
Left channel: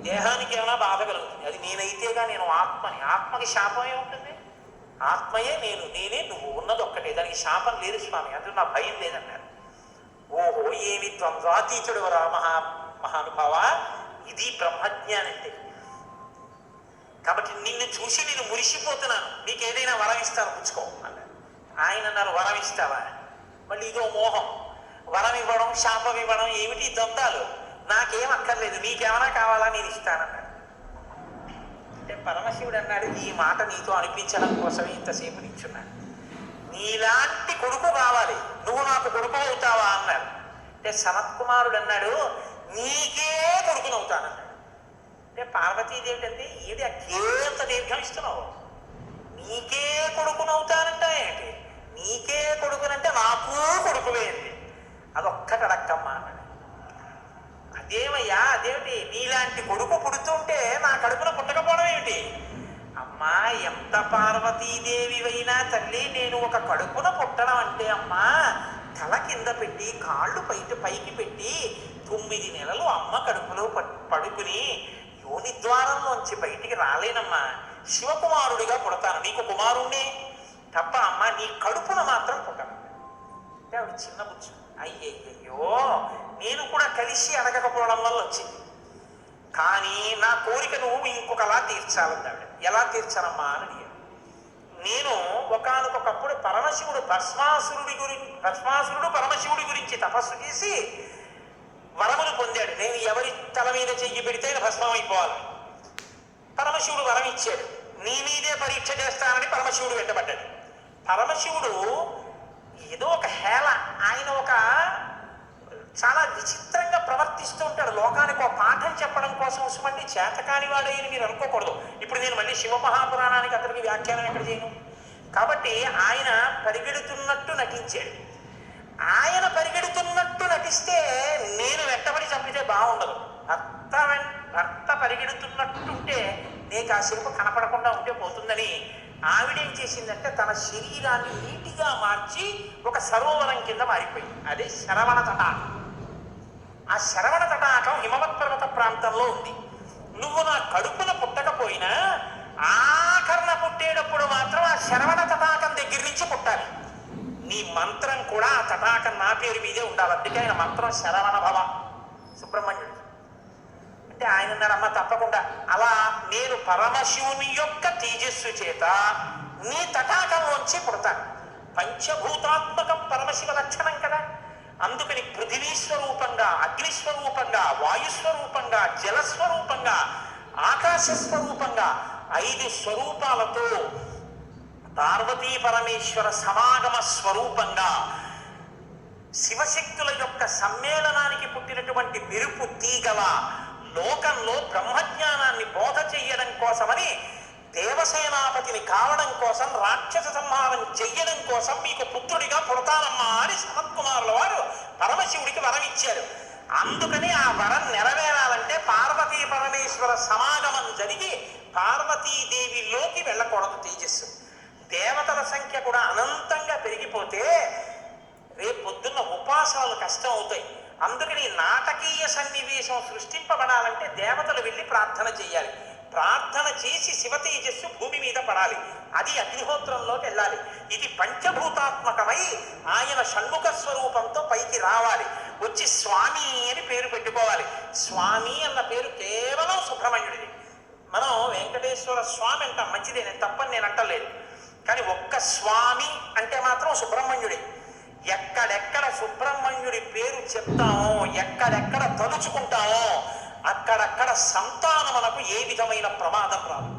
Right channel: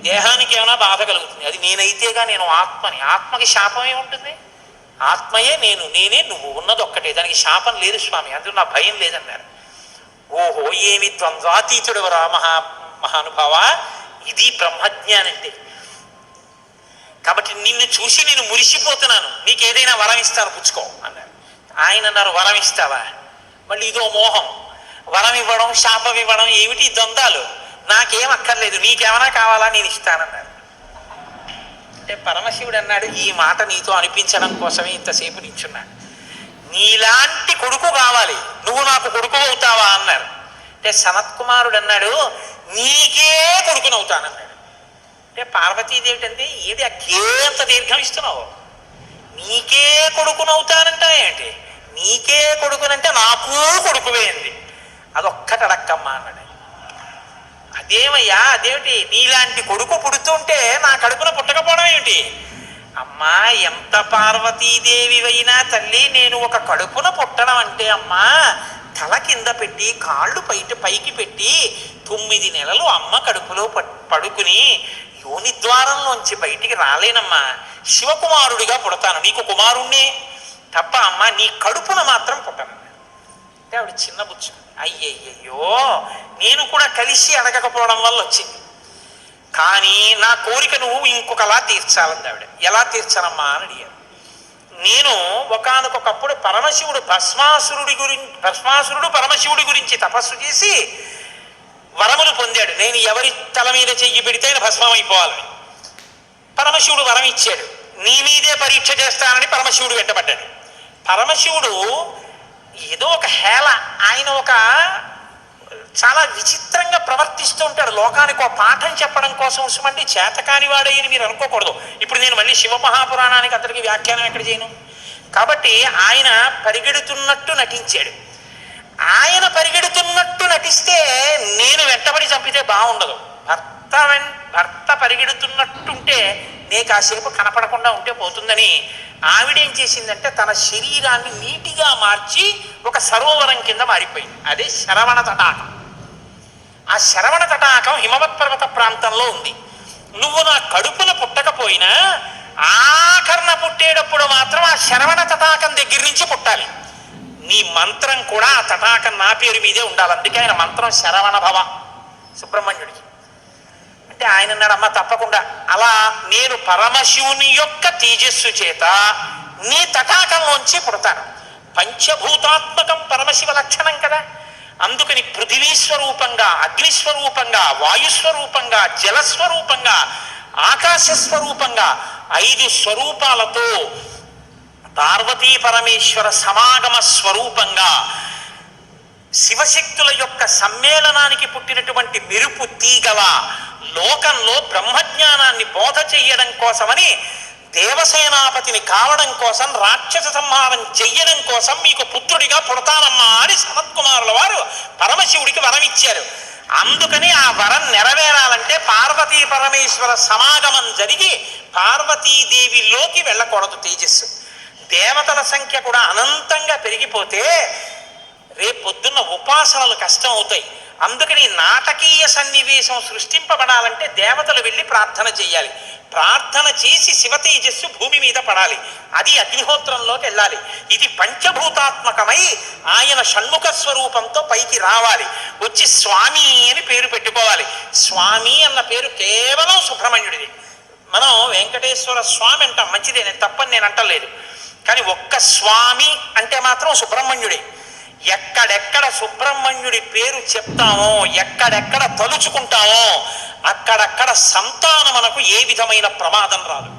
దేహానికి ఏమైనా బాధ కలుగుతుంది. అది నేనైతేగా, నేను ఆత్మని. ఆత్మకి శాపం ఏముంటుంది? ఆత్మయే నేను, నేనే నువ్వు, ఉన్నది ఒక్కటే, దానికి శాపం లేదు స్వామి, అందులో నా భయం లేదన్నారు. ఓహో ఏమి ద్వంద్వాతీతుడు రా మహానుభావ, ఇది బ్రహ్మజ్ఞానంటే. కాబట్టి నిన్ను చూసి నేను మురిసిపోతున్నాను, నీకు ఏదైనా వరం ఇస్తాను పుచ్చుకో అన్నారు. ఆయన అన్నారు, వరం ఇస్తావా? మళ్ళీ ఇదో మోహం, వరం ఇవ్వడం శాపం ఇవ్వడం ఏమిటి ద్వంద్వాలు? నాకేం అక్కర్లేదు, నీకేమైనా కావాలా నేను ఇస్తానన్నాడు. అంటే పరమశివుడు అన్నాడు, ఈ మాట నీతో అనిపించడం కోసమే ఇంతసేపు నించున్నాడు. నీలాంటి కొడుకు కావాలి, నువ్వు నాకు కొడుకు అవుతావా అన్నారు. అంటే సనత్కుమారుడు అన్నాడు, నీకే కొడుకునవుతానన్నాడు. అంటే పార్వతీదేవి అంటే ఏది అకేంత దీర్ఘం ఇస్తున్నావు? నీకే కొడుకునవుతానంటా ఏంటి? నీకే కొడుకునంటే నాకు కొడుకువే అంది. అదొక్కటి అడక్కమ్మా అన్నాడు. అదేమయ్యా, అదేమిటి? నీలాంటి కొడుకు పుడుతుంటే నా కడుపున పుట్టకపోవడం ఏమిటి? అమ్మా, ఎంత పార్వతీదేవివైనా తల్లి, నేను ఒక కడుపున పుట్టడం అంటే అమ్మా, తల కింద పెట్టి కాళ్ళు పైకి పెట్టి 9 నెలలు అమ్మ కడుపులో పడుకుని యోని ద్వారంలోంచి బయటికి రాలేనమ్మా. శివకుమారుడిగా పుడతాను, నీకు కుమారుణ్ణే తప్ప అమ్మ నీ కడుపున మాత్రం పుట్టను. అంటే ఆవిడ చిన్న బుచ్చు, అయ్యయ్యో నేను కూడా కలిసి అడగకపోవడం వల్ల వచ్చింది. కానీ నా కోరిక నువ్వు ఇంకొకలా తీర్చాలంది ఆవిడ. ఎలా తీర్చాలమ్మా అని అడిగాను. నేను ఒకానొకప్పుడు భస్మాసురుడు పరమశివుడి గురించి తపస్సు చేసి వరములు పొందాడు. నేను ఎవరి తల మీద చెయ్యి పెడితే ఆయన భస్మం అయిపోవాలని పరమశివుడు వరం ఇచ్చాడు. నీ మీదే పరీక్ష చేస్తానని పరమశివుడు వెంటబడ్డాడు. పరమశివుడు ఏదో ఒక హేళ, ఆయన ఒక చాలా విచిత్రంగా ప్రవర్తిస్తూ ఉంటాడు. లోకానికి ఒక పాఠం చెప్పడం కోసం ఉసుమంటే చేతకాని వాడని మీరు అనుకోకూడదు. ఇప్పుడు నేను మళ్ళీ శివమహాపురాణానికి అందరికీ వ్యాఖ్యానం ఎక్కడ చేయను. కాబట్టి ఆయన పరిగెడుతున్నట్టు నటించాడు. ఆయన పరిగెడుతున్నట్టు నటిస్తే నేను వెంటబడి చంపితే బాగుండదు. భర్త పరిగెడుతున్నట్టుంటే నే కాసేపు కనపడకుండా ఉంటే పోతుందని ఆవిడేం చేసిందంటే తన శరీరాన్ని నీటిగా మార్చి ఒక సరోవరం కింద మారిపోయింది. అదే శరవణ తటాకం. ఆ శరవణ తటాకం హిమవత్ పర్వత ప్రాంతంలో ఉంది. నువ్వు నా కడుపున పుట్టకపోయినా ఆఖరణ పుట్టేటప్పుడు మాత్రం ఆ శరవణ తటాకం దగ్గర నుంచి పుట్టాలి. నీ మంత్రం కూడా ఆ తటాకం నా పేరు మీదే ఉండాలి. అందుకే ఆయన మంత్రం శరవణ భవ సుబ్రహ్మణ్యుడికి. అంటే ఆయన అన్నాడు, అమ్మ తప్పకుండా అలా నేను పరమశివుని యొక్క తేజస్సు చేత నీ తటాకంలోంచి పుడతాను. పంచభూతాత్మకం పరమశివ లక్షణం కదా. అందుకని పృథివీస్వరూపంగా, అగ్నిస్వరూపంగా, వాయుస్వరూపంగా, జలస్వరూపంగా, ఆకాశస్వరూపంగా 5 స్వరూపాలతో పార్వతీ పరమేశ్వర సమాగమ స్వరూపంగా శివశక్తుల యొక్క సమ్మేళనానికి పుట్టినటువంటి మెరుపు తీగల లోకంలో బ్రహ్మజ్ఞానాన్ని బోధ చెయ్యడం కోసమని, దేవసేనాపతిని కావడం కోసం, రాక్షస సంహారం చెయ్యడం కోసం మీకు పుత్రుడిగా పుడతానమ్మా అని సనత్కుమారుల వారు పరమశివుడికి వరం ఇచ్చారు. అందుకని ఆ వరం నెరవేరాలంటే పార్వతీ పరమేశ్వర సమాగమం జరిగి పార్వతీదేవిలోకి వెళ్ళకూడదు తేజస్సు. దేవతల సంఖ్య కూడా అనంతంగా పెరిగిపోతే రేపొద్దున్న ఉపాసనలు కష్టం అవుతాయి. అందుకని నాటకీయ సన్నివేశం సృష్టింపబడాలంటే దేవతలు వెళ్ళి ప్రార్థన చేయాలి. ప్రార్థన చేసి శివ తేజస్సు భూమి మీద పడాలి. అది అగ్నిహోత్రంలోకి వెళ్ళాలి. ఇది పంచభూతాత్మకమై ఆయన షణ్ముఖ స్వరూపంతో పైకి రావాలి. వచ్చి స్వామి అని పేరు పెట్టుకోవాలి. స్వామి అన్న పేరు కేవలం సుబ్రహ్మణ్యుడిది. మనం వెంకటేశ్వర స్వామి అంటాం, మంచిదే, నేను తప్పని నేను అంటలేదు. కానీ ఒక్క స్వామి అంటే మాత్రం సుబ్రహ్మణ్యుడే. ఎక్కడెక్కడ సుబ్రహ్మణ్యుడి పేరు చెప్తామో, ఎక్కడెక్కడ తలుచుకుంటామో అక్కడక్కడ సంతానమునకు ఏ విధమైన ప్రమాదం రాదు.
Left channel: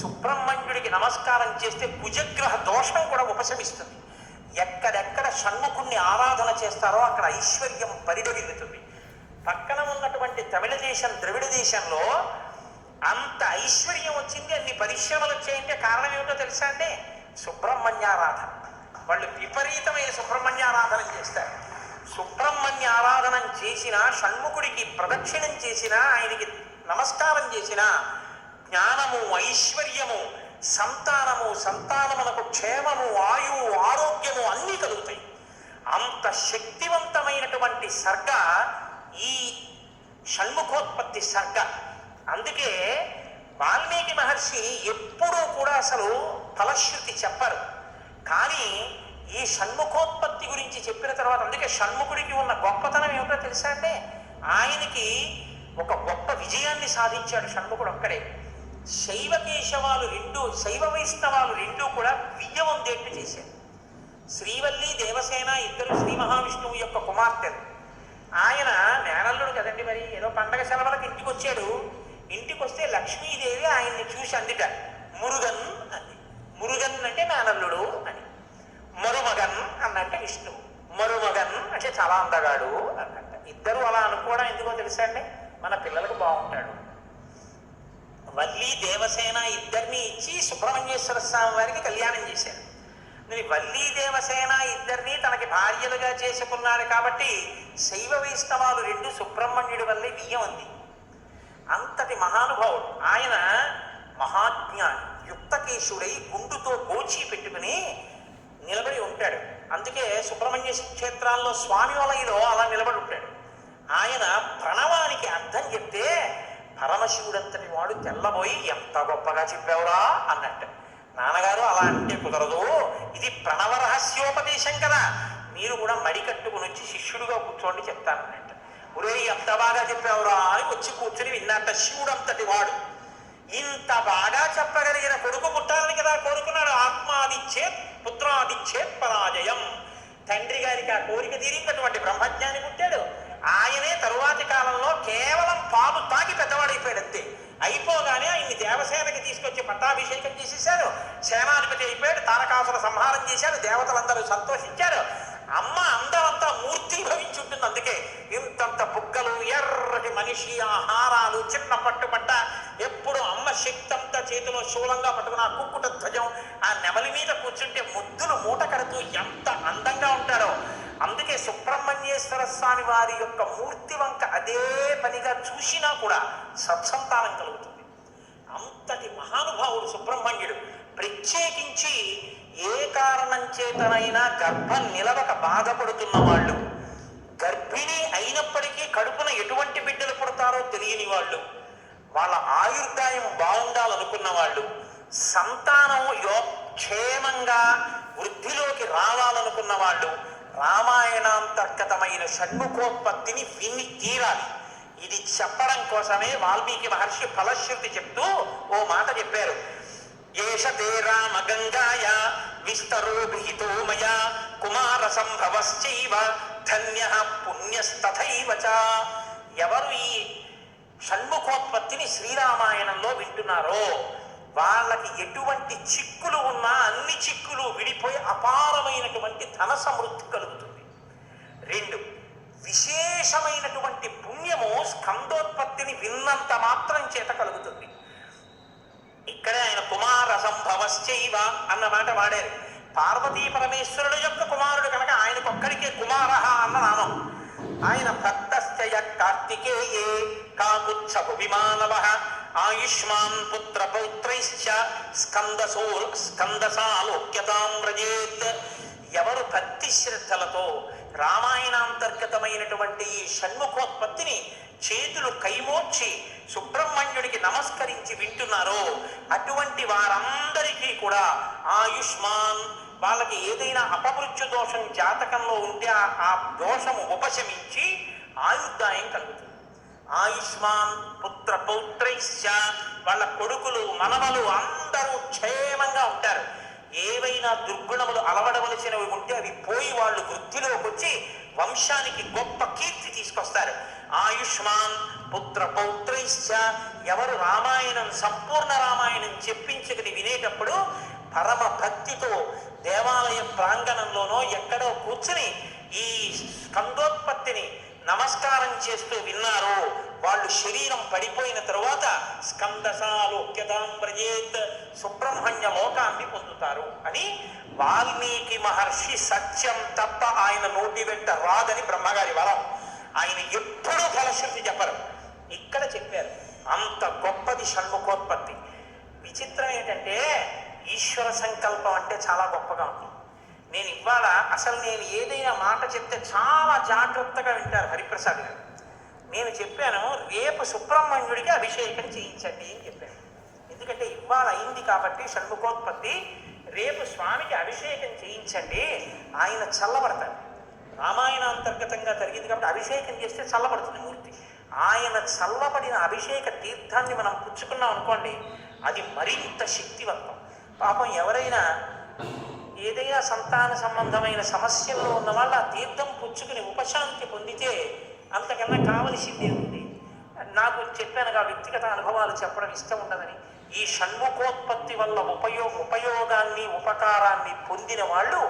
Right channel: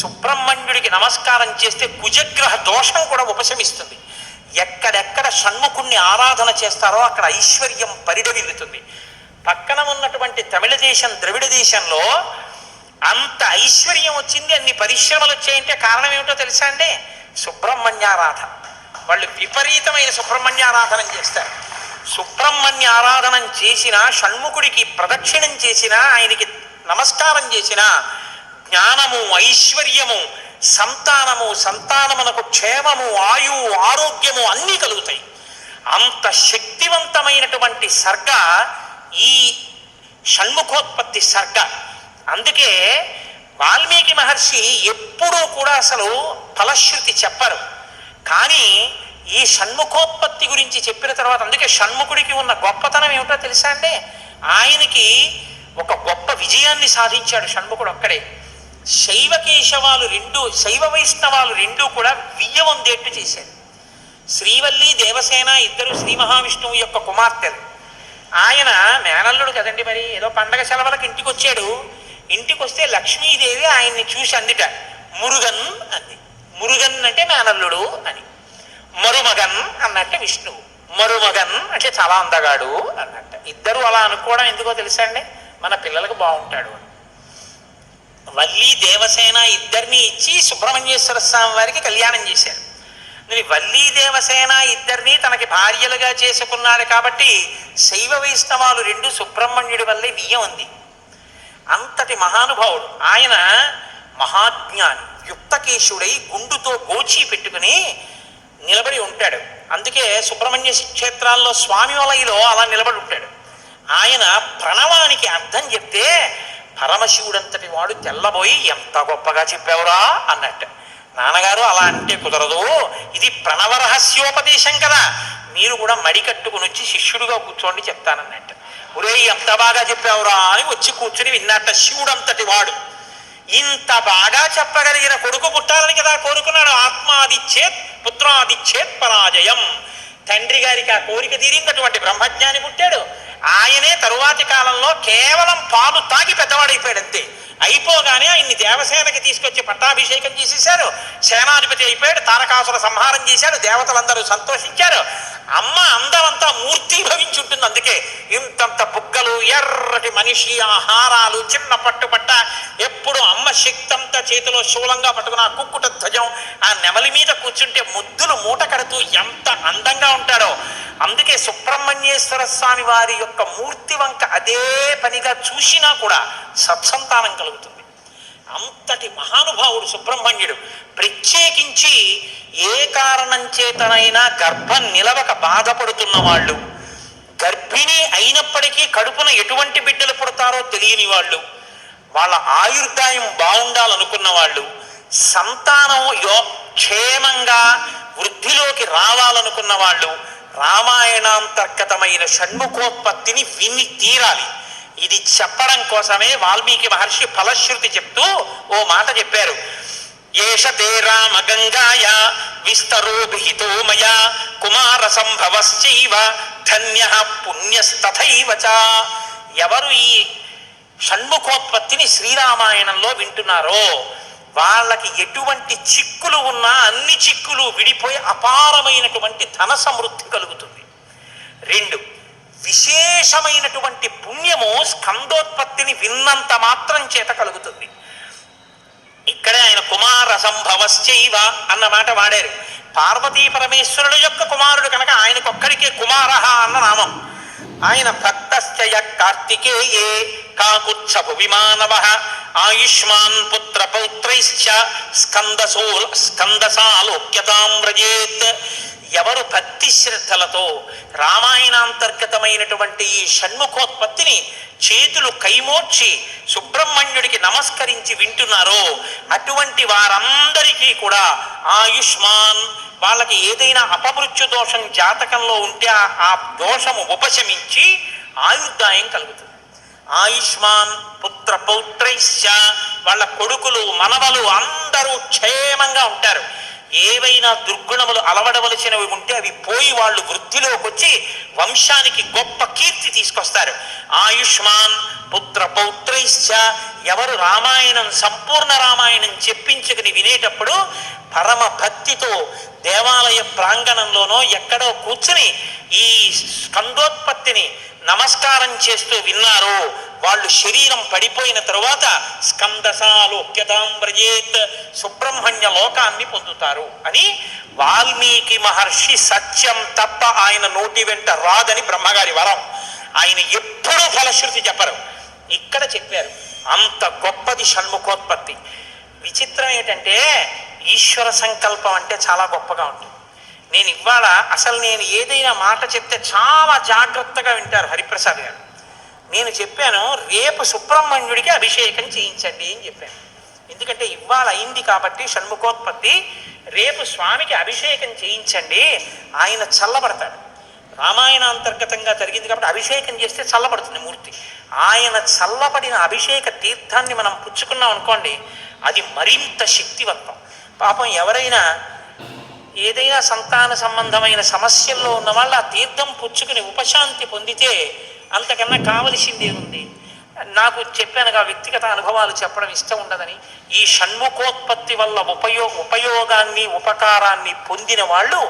సుబ్రహ్మణ్యుడికి నమస్కారం చేస్తే కుజగ్రహ దోషం కూడా ఉపశమిస్తుంది. ఎక్కడెక్కడ షణ్ముఖుణ్ణి ఆరాధన చేస్తారో అక్కడ ఐశ్వర్యం పరిడవిల్లుతుంది. పక్కన ఉన్నటువంటి తమిళ దేశం, ద్రవిడ దేశంలో అంత ఐశ్వర్యం వచ్చింది, అన్ని పరిశ్రమలు వచ్చాయంటే కారణం ఏమిటో తెలుసా అండి? సుబ్రహ్మణ్యారాధన. వాళ్ళు విపరీతమైన సుబ్రహ్మణ్యారాధన చేస్తారు. సుబ్రహ్మణ్య ఆరాధనం చేసిన, షణ్ముఖుడికి ప్రదక్షిణం చేసిన, ఆయనకి నమస్కారం చేసిన జ్ఞానము, ఐశ్వర్యము, సంతానమునకు క్షేమము, ఆయువు, ఆరోగ్యము అన్నీ కలుగుతాయి. అంత శక్తివంతమైనటువంటి సర్గ ఈ షణ్ముఖోత్పత్తి సర్గ. అందుకే వాల్మీకి మహర్షి ఎప్పుడూ కూడా అసలు ఫలశ్రుతి చెప్పరు. కానీ ఈ షణ్ముఖోత్పత్తి గురించి చెప్పిన తర్వాత, అందుకే షణ్ముఖుడికి ఉన్న గొప్పతనం ఏమిటో తెలుసా అండి? ఆయనకి ఒక గొప్ప విజయాన్ని సాధించాడు షణ్ముఖుడు ఒక్కడే. శైవ వైష్ణవాలు రెండూ కూడా వియ్యవందేట్టు చేశారు. శ్రీవల్లి, దేవసేన ఇద్దరు శ్రీ మహావిష్ణువు యొక్క కుమార్తెలు. ఆయన మేనల్లుడు కదండి, మరి ఏదో పండగ సెలవులకు ఇంటికి వచ్చాడు. ఇంటికి వస్తే లక్ష్మీదేవి ఆయన్ని చూసి అందిట, మురుగన్ అంది. మురుగన్ అంటే మేనల్లుడు అని. మరుమగన్ అన్నట్టే విష్ణువు. మరుమగన్ అంటే చాలా అందగాడు అన్నట్ట. ఇద్దరు అలా అనుకోవడం ఎందుకో తెలుసా అండి? మన పిల్లలకు బాగుంటాడు. వల్లి, దేవసేన ఇద్దరిని ఇచ్చి సుబ్రహ్మణ్యేశ్వర స్వామి వారికి కళ్యాణం చేశారు. వల్లి, దేవసేన ఇద్దరిని తనకి భార్యలుగా చేసుకున్నారు కాబట్టి శైవ వైష్ణవాలు రెండు సుబ్రహ్మణ్యుడి వల్లే బియ్యం ఉంది. అంతటి మహానుభావుడు ఆయన. మహాజ్ఞాని, యుక్తకేశుడై గుండుతో గోచి పెట్టుకుని నిలబడి ఉంటాడు. అందుకే సుబ్రహ్మణ్య క్షేత్రాల్లో స్వామి వలయలో అలా నిలబడి ఉంటాడు. ఆయన ప్రణవానికి అర్థం చెప్తే పరమశివుడంతటి వాడు తెల్లబోయి, ఎంత గొప్పగా చెప్పావురా అన్నట్టు. నాన్నగారు అలా అంటే కుదరదు, ఇది ప్రణవ రహస్యోపదేశం కదా, మీరు కూడా మడి కట్టుకుని వచ్చి శిష్యుడుగా కూర్చోండి చెప్తానన్నట్టు. ఒరే ఎంత బాగా చెప్పావురా అని వచ్చి కూర్చుని విన్నట్ట. శివుడంతటి వాడు ఇంత బాగా చెప్పగలిగిన కొడుకు పుట్టాలని కదా కోరుకున్నాడు. ఆత్మాదిచ్చేత్ పుత్రాదిచ్చేత్ పరాజయం. తండ్రి గారికి ఆ కోరిక తీరిందటువంటి బ్రహ్మజ్ఞాని పుట్టాడు. ఆయనే తరువాతి కాలంలో కేవలం పాలు తాగి పెద్దవాడైపోయాడు అంతే. అయిపోగానే ఆయన్ని దేవసేనకి తీసుకొచ్చి పట్టాభిషేకం చేసేశారు. సేనాధిపతి అయిపోయాడు. తారకాసుర సంహారం చేశాడు. దేవతలందరూ సంతోషించారు. అమ్మ అందమంతా మూర్తి భవించుంటుంది. అందుకే ఇంతంత బుగ్గలు, ఎర్రటి మనిషి, ఆహారాలు, చిన్న పట్టుబట్ట, ఎప్పుడు అమ్మ శక్తంతా చేతిలో శూలంగా పట్టుకుని ఆ కుక్కుట ధ్వజం, ఆ నెమలి మీద కూర్చుంటే ముద్దులు మూట కడుతూ ఎంత అందంగా ఉంటాడో. అందుకే సుబ్రహ్మణ్యేశ్వర స్వామి వారి యొక్క మూర్తి వంక అదే పనిగా చూసినా కూడా సత్సంతానం కలుగుతుంది. అంతటి మహానుభావుడు సుబ్రహ్మణ్యుడు. ప్రత్యేకించి ఏ కారణం చేతనైనా గర్భం నిలవక బాధపడుతున్న వాళ్ళు, గర్భిణి అయినప్పటికీ కడుపున ఎటువంటి బిడ్డలు పుడతారో తెలియని వాళ్ళు, వాళ్ళ ఆయుర్దాయం బాగుండాలనుకున్న వాళ్ళు, సంతానం క్షేమంగా వృద్ధిలోకి రావాలనుకున్న వాళ్ళు రామాయణాంతర్గతమైన షణ్ముఖోత్పత్తిని విని తీరాలి. ఇది చెప్పడం కోసమే వాల్మీకి మహర్షి ఫలశ్రుతి చెప్తూ ఓ మాట చెప్పారు. ఏష తే రామ గంగాయ విస్తరో విహితో మయా కుమార సంభవశ్చైవ ధన్య పుణ్యస్తథైవ చ. ఎవరు ఈ షణ్ముఖోత్పత్తిని శ్రీరామాయణంలో వింటున్నారో వాళ్ళకి ఎటువంటి చిక్కులు ఉన్నా అన్ని చిక్కులు విడిపోయి అపారమైనటువంటి ధన సమృద్ధి కలుగుతుంది. 2, విశేషమైనటువంటి పుణ్యము స్కందోత్పత్తిని విన్నంత మాత్రం చేత కలుగుతుంది. ఇక్కడే ఆయన కుమార సంభవశ్చైవ అన్న మాట వాడారు. పార్వతీ పరమేశ్వరుడు యొక్క కుమారుడు కనుక ఆయనకొక్కడికే కుమార అన్న నామం. ఆయన భక్తశ్చయ కార్తికేయే కాకుత్సభు విమానవ ఆయుష్మాన్ పుత్ర పౌత్రైశ్చ స్కందసాలోక్యతాం వ్రజేత్. ఎవరు భక్తి శ్రద్ధలతో రామాయణాంతర్గతమైనటువంటి ఈ షణ్ముఖోత్పత్తిని చేతులు కైమోర్చి సుబ్రహ్మణ్యుడికి నమస్కరించి వింటున్నారో అటువంటి వారందరికీ కూడా ఆయుష్మాన్, వాళ్ళకి ఏదైనా అపమృత్యు దోషం జాతకంలో ఉంటే ఆ దోషము ఉపశమించి ఆయుర్దాయం కలుగుతుంది. ఆయుష్మాన్ పుత్ర పౌత్రైశ్చ, వాళ్ళ కొడుకులు మనవలు అందరూ క్షేమంగా ఉంటారు. ఏవైనా దుర్గుణములు అలవడవలసినవి ఉంటే అవి పోయి వాళ్ళు వృద్ధిలోకి వచ్చి వంశానికి గొప్ప కీర్తి తీసుకొస్తారు. ఆయుష్మాన్ పుత్ర పౌత్రైశ్చ, ఎవరు రామాయణం సంపూర్ణ రామాయణం చెప్పించుకుని వినేటప్పుడు పరమ భక్తితో దేవాలయ ప్రాంగణంలోనో ఎక్కడో కూర్చుని ఈ స్కందోత్పత్తిని నమస్కారం చేస్తూ విన్నారో వాళ్ళు శరీరం పడిపోయిన తరువాత స్కందసాలోక్యతాం వ్రజేత్, సుబ్రహ్మణ్య లోకాన్ని పొందుతారు అని వాల్మీకి మహర్షి సత్యం తప్ప ఆయన నోటి వెంట రాదని బ్రహ్మగారి వరం. ఆయన ఎప్పుడూ ఫలశ్రుతి చెప్పరు, ఇక్కడ చెప్పారు. అంత గొప్పది షణ్ముఖోత్పత్తి. విచిత్రం ఏంటంటే ఈశ్వర సంకల్పం అంటే చాలా గొప్పగా ఉంటుంది. నేను ఇవాళ అసలు నేను ఏదైనా మాట చెప్తే చాలా జాగ్రత్తగా వింటారు హరిప్రసాద్ గారు. నేను చెప్పాను రేపు సుబ్రహ్మణ్యుడికి అభిషేకం చేయించండి అని చెప్పాను. ఎందుకంటే ఇవాళ అయింది కాబట్టి షణ్ముఖోత్పత్తి, రేపు స్వామికి అభిషేకం చేయించండి, ఆయన చల్లబడతాడు. రామాయణ అంతర్గతంగా జరిగింది కాబట్టి అభిషేకం చేస్తే చల్లబడుతుంది మూర్తి. ఆయన చల్లబడిన అభిషేక తీర్థాన్ని మనం పుచ్చుకున్నాం అనుకోండి, అది మరింత శక్తివంతం. పాపం ఎవరైనా ఏదైనా సంతాన సంబంధమైన సమస్యల్లో ఉన్న వాళ్ళు ఆ తీర్థం పుచ్చుకుని ఉపశాంతి పొందితే అంతకన్నా కావలసిందే ఉంది. నాకు చెప్పానుగా వ్యక్తిగత అనుభవాలు చెప్పడం ఇష్టం ఉండదని. ఈ షణ్ముఖోత్పత్తి వల్ల ఉపయోగాన్ని ఉపకారాన్ని పొందిన వాళ్ళు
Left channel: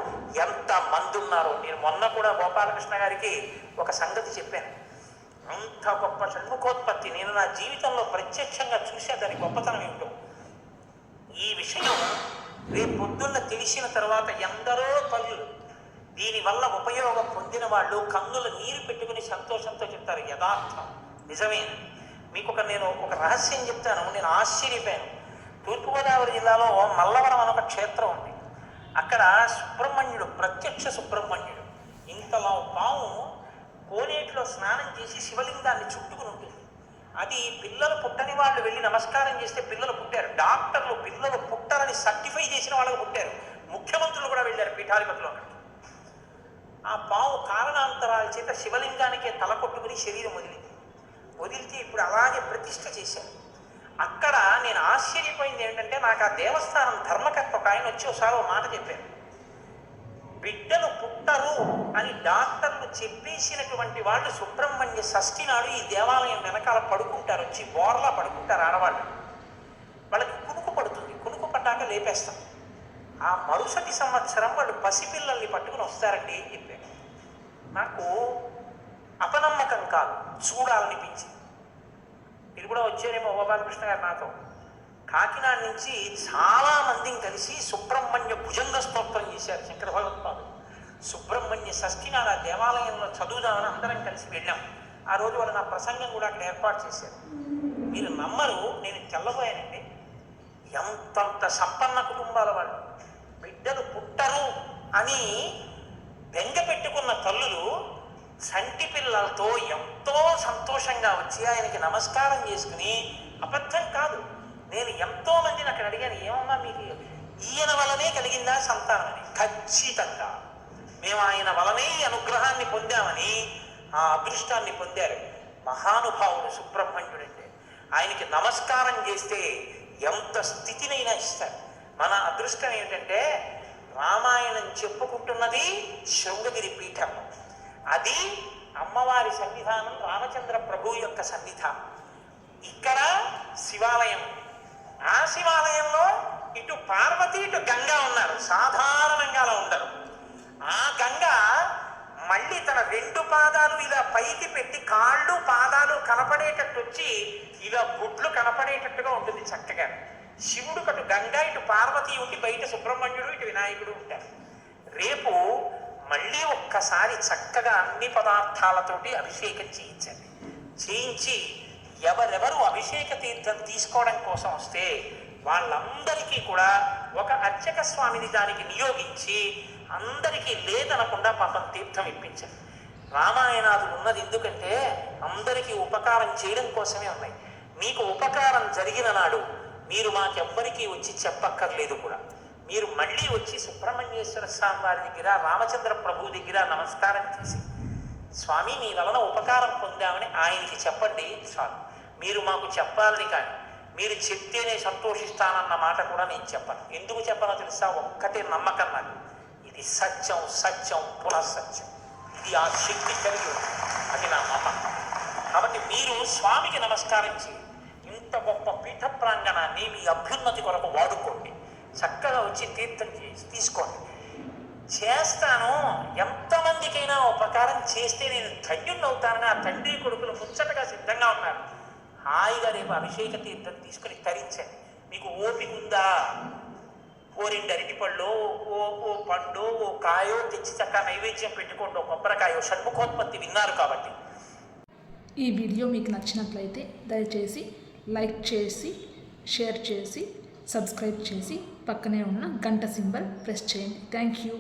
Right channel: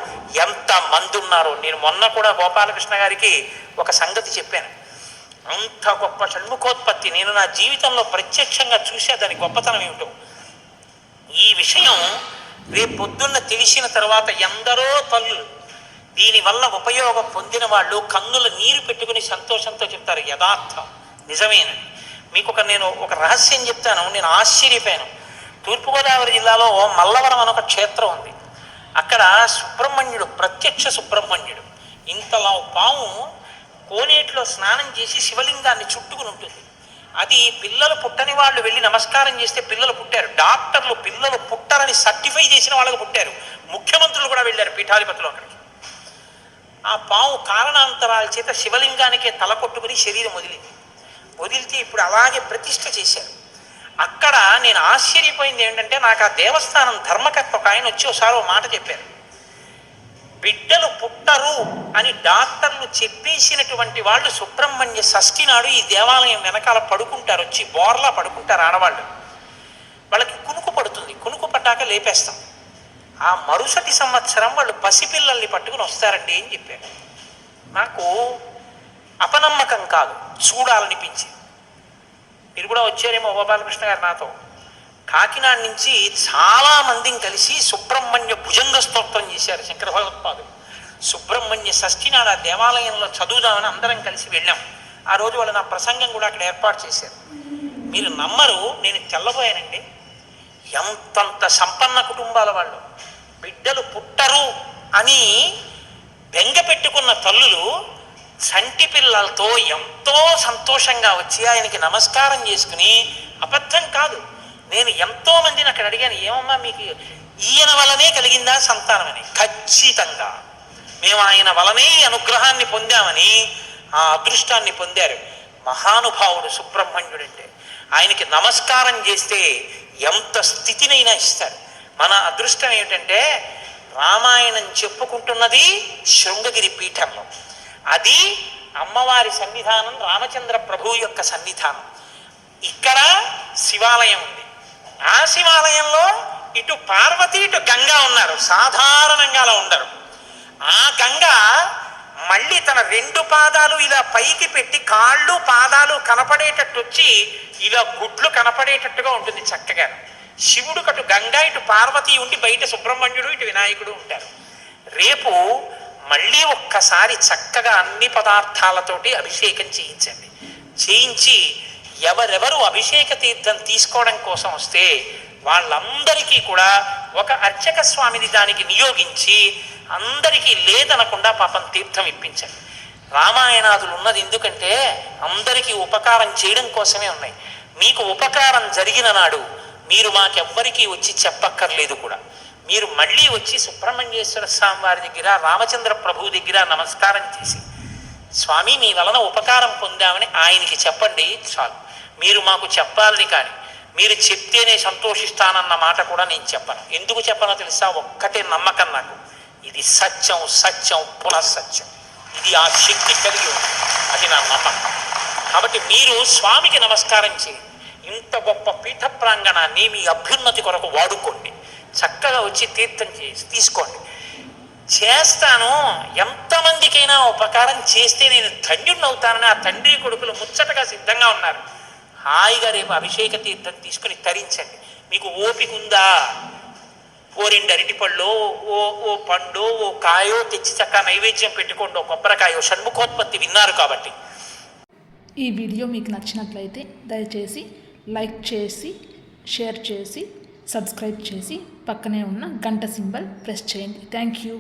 ఎంత మంది ఉన్నారో. నేను మొన్న కూడా గోపాలకృష్ణ గారికి ఒక సంగతి చెప్పాను. అంత గొప్ప షణ్ముఖోత్పత్తి నేను నా జీవితంలో ప్రత్యక్షంగా చూసే దాని గొప్పతనం ఏమిటో. ఈ విషయం రేపు పొద్దున్న తెలిసిన తర్వాత ఎందరో తల్లులు దీనివల్ల ఉపయోగం పొందిన వాళ్ళు కన్నుల నీరు పెట్టుకుని సంతోషంతో చెప్తారు. యథార్థం, నిజమేనని. మీకు నేను ఒక రహస్యం చెప్తాను. నేను ఆశ్చర్యపోయాను. తూర్పుగోదావరి జిల్లాలో మల్లవరం అని ఒక క్షేత్రం ఉంది. అక్కడ సుబ్రహ్మణ్యుడు, ప్రత్యక్ష సుబ్రహ్మణ్యుడు, ఇంతలా పాము కోనేటిలో స్నానం చేసి శివలింగాన్ని చుట్టుకుని ఉంటుంది. అది పిల్లలు పుట్టని వాళ్ళు వెళ్ళి నమస్కారం చేస్తే పిల్లలు పుట్టారు. డాక్టర్లు పిల్లలు పుట్టారని సర్టిఫై చేసిన వాళ్ళకు పుట్టారు. ముఖ్యమంత్రులు కూడా వెళ్ళారు పీఠాధిపతులు అక్కడికి. ఆ పాము కారణాంతరాల చేత శివలింగానికే తల కొట్టుకుని శరీరం వదిలితే ఇప్పుడు అలాగే ప్రతిష్ఠ చేశారు. అక్కడ నేను ఆశ్చర్యపోయింది ఏంటంటే, నాకు ఆ దేవస్థానం ధర్మకర్త ఒక ఆయన వచ్చి ఒకసారి ఓ మాట చెప్పారు. బిడ్డలు పుట్టరు అని డాక్టర్లు చెప్పేసినటువంటి వాళ్ళు సుబ్రహ్మణ్య షష్ఠి నాడు ఈ దేవాలయం వెనకాల పడుకుంటారు, వచ్చి బోర్లా పడుకుంటారు ఆడవాళ్ళు. వాళ్ళకి కునుకు పడుతుంది, కునుకు పడ్డాక లేపేస్తాం. ఆ మరుసటి సంవత్సరం వాళ్ళు పసిపిల్లల్ని పట్టుకుని వస్తారండి అని చెప్పారు. నాకు అపనమ్మకం కాదు, చూడాలనిపించింది. మీరు కూడా వచ్చారేమో గోపాలకృష్ణ గారు నాతో. కాకినాడ నుంచి చాలా మందిని కలిసి సుబ్రహ్మణ్య భుజంగ స్తోత్రం చేశారు శంకర భగవత్పాదులు. సుబ్రహ్మణ్య షష్ఠి నాడు ఆ దేవాలయంలో చదువుదామని అందరం కలిసి వెళ్ళాం. ఆ రోజు వాళ్ళు నా ప్రసంగం కూడా అక్కడ ఏర్పాటు చేశారు. మీరు నమ్మరు, నేను తెల్లబోయానండి. ఎంతంత సంపన్న కుటుంబాల వాళ్ళు బిడ్డలు పుట్టరు అని బెంగ పెట్టుకున్న తల్లులు చంటి పిల్లలతో ఎంతో సంతోషంగా వచ్చి ఆయనకి నమస్కారం చేసుకుని, అబద్ధం కాదు, నేను ఎంతో మందిని అక్కడ అడిగాను, ఏమమ్మా మీకు ఈయన వలనే కలిగిందా సంతానం అని. ఖచ్చితంగా మేము ఆయన వలనే అనుగ్రహాన్ని పొందామని ఆ అదృష్టాన్ని పొందారు. మహానుభావుడు సుబ్రహ్మణ్యుడంటే. ఆయనకి నమస్కారం చేస్తే ఎంత స్థితినైనా ఇస్తారు. మన అదృష్టం ఏమిటంటే రామాయణం చెప్పుకుంటున్నది శృంగగిరి పీఠంలో. అది అమ్మవారి సన్నిధానం, రామచంద్ర ప్రభువు యొక్క సన్నిధానం. ఇక్కడ శివాలయం ఉంది. ఆ శివాలయంలో ఇటు పార్వతి ఇటు గంగా ఉన్నారు. సాధారణంగా అలా ఉండరు. ఆ గంగ మళ్ళీ తన 2 పాదాలు ఇలా పైకి పెట్టి కాళ్ళు పాదాలు కనపడేటట్టు వచ్చి ఇలా గుడ్లు కనపడేటట్టుగా ఉంటుంది చక్కగా. శివుడు అటు గంగా ఇటు పార్వతి ఉండి బయట సుబ్రహ్మణ్యుడు ఇటు వినాయకుడు ఉంటారు. రేపు మళ్ళీ ఒక్కసారి చక్కగా అన్ని పదార్థాలతోటి అభిషేకం చేయించండి. చేయించి ఎవరెవరు అభిషేక తీర్థం తీసుకోవడం కోసం వస్తే వాళ్ళందరికీ కూడా ఒక అర్చక స్వామిని దానికి నియోగించి అందరికీ లేదనకుండా పాపం తీర్థం ఇప్పించండి. రామాయణాదులు ఉన్నది ఎందుకంటే అందరికీ ఉపకారం చేయడం కోసమే ఉన్నాయి. మీకు ఉపకారం జరిగిన నాడు మీరు మాకెవ్వరికీ వచ్చి చెప్పక్కర్లేదు కూడా. మీరు మళ్ళీ వచ్చి సుబ్రహ్మణ్యేశ్వర స్వామి వారి దగ్గర, రామచంద్ర ప్రభువు దగ్గర నమస్కారం చేసి స్వామి మీ వలన ఉపకారం పొందామని ఆయనకి చెప్పండి చాలు. మీరు మాకు చెప్పాలని కానీ మీరు చెప్తేనే సంతోషిస్తానన్న మాట కూడా నేను చెప్పను. ఎందుకు చెప్పనో తెలుసా? ఒక్కటే నమ్మకం నాకు, ఇది సత్యం, సత్యం పునఃసత్యం. ఇది ఆ శక్తి కలిగి ఉంది, అది నా నమ్మకం. కాబట్టి మీరు స్వామికి నమస్కారం చేయండి. ఇంత గొప్ప పీఠ ప్రాంగణాన్ని మీ అభ్యున్నతి కొరకు వాడుకోండి. చక్కగా వచ్చి తీర్థం తీసుకోండి. చేస్తాను, ఎంతమందికైనా ఉపకారం చేస్తే నేను ధన్యుడిని అవుతానని ఆ తండ్రి కొడుకులు ముచ్చటగా సిద్ధంగా ఉన్నారు. హాయిగా రేపు అభిషేక తీర్థం తీసుకుని తరించండి. మీకు ఓపిక ఉందా? ఓ 2 అరటిపళ్ళు, ఓ పండు, ఓ కాయో తెచ్చి చక్క నైవేద్యం పెట్టుకోండి. ఓ కొబ్బరికాయో. షణ్ముఖోత్పత్తి విన్నారు కాబట్టి. ఈ వీడియో మీకు నచ్చినట్లయితే దయచేసి లైక్ చేసి, షేర్ చేసి, సబ్స్క్రైబ్ చేసి పక్కనే ఉన్న గంట సింబల్ ప్రెస్ చేయండి. Thank you.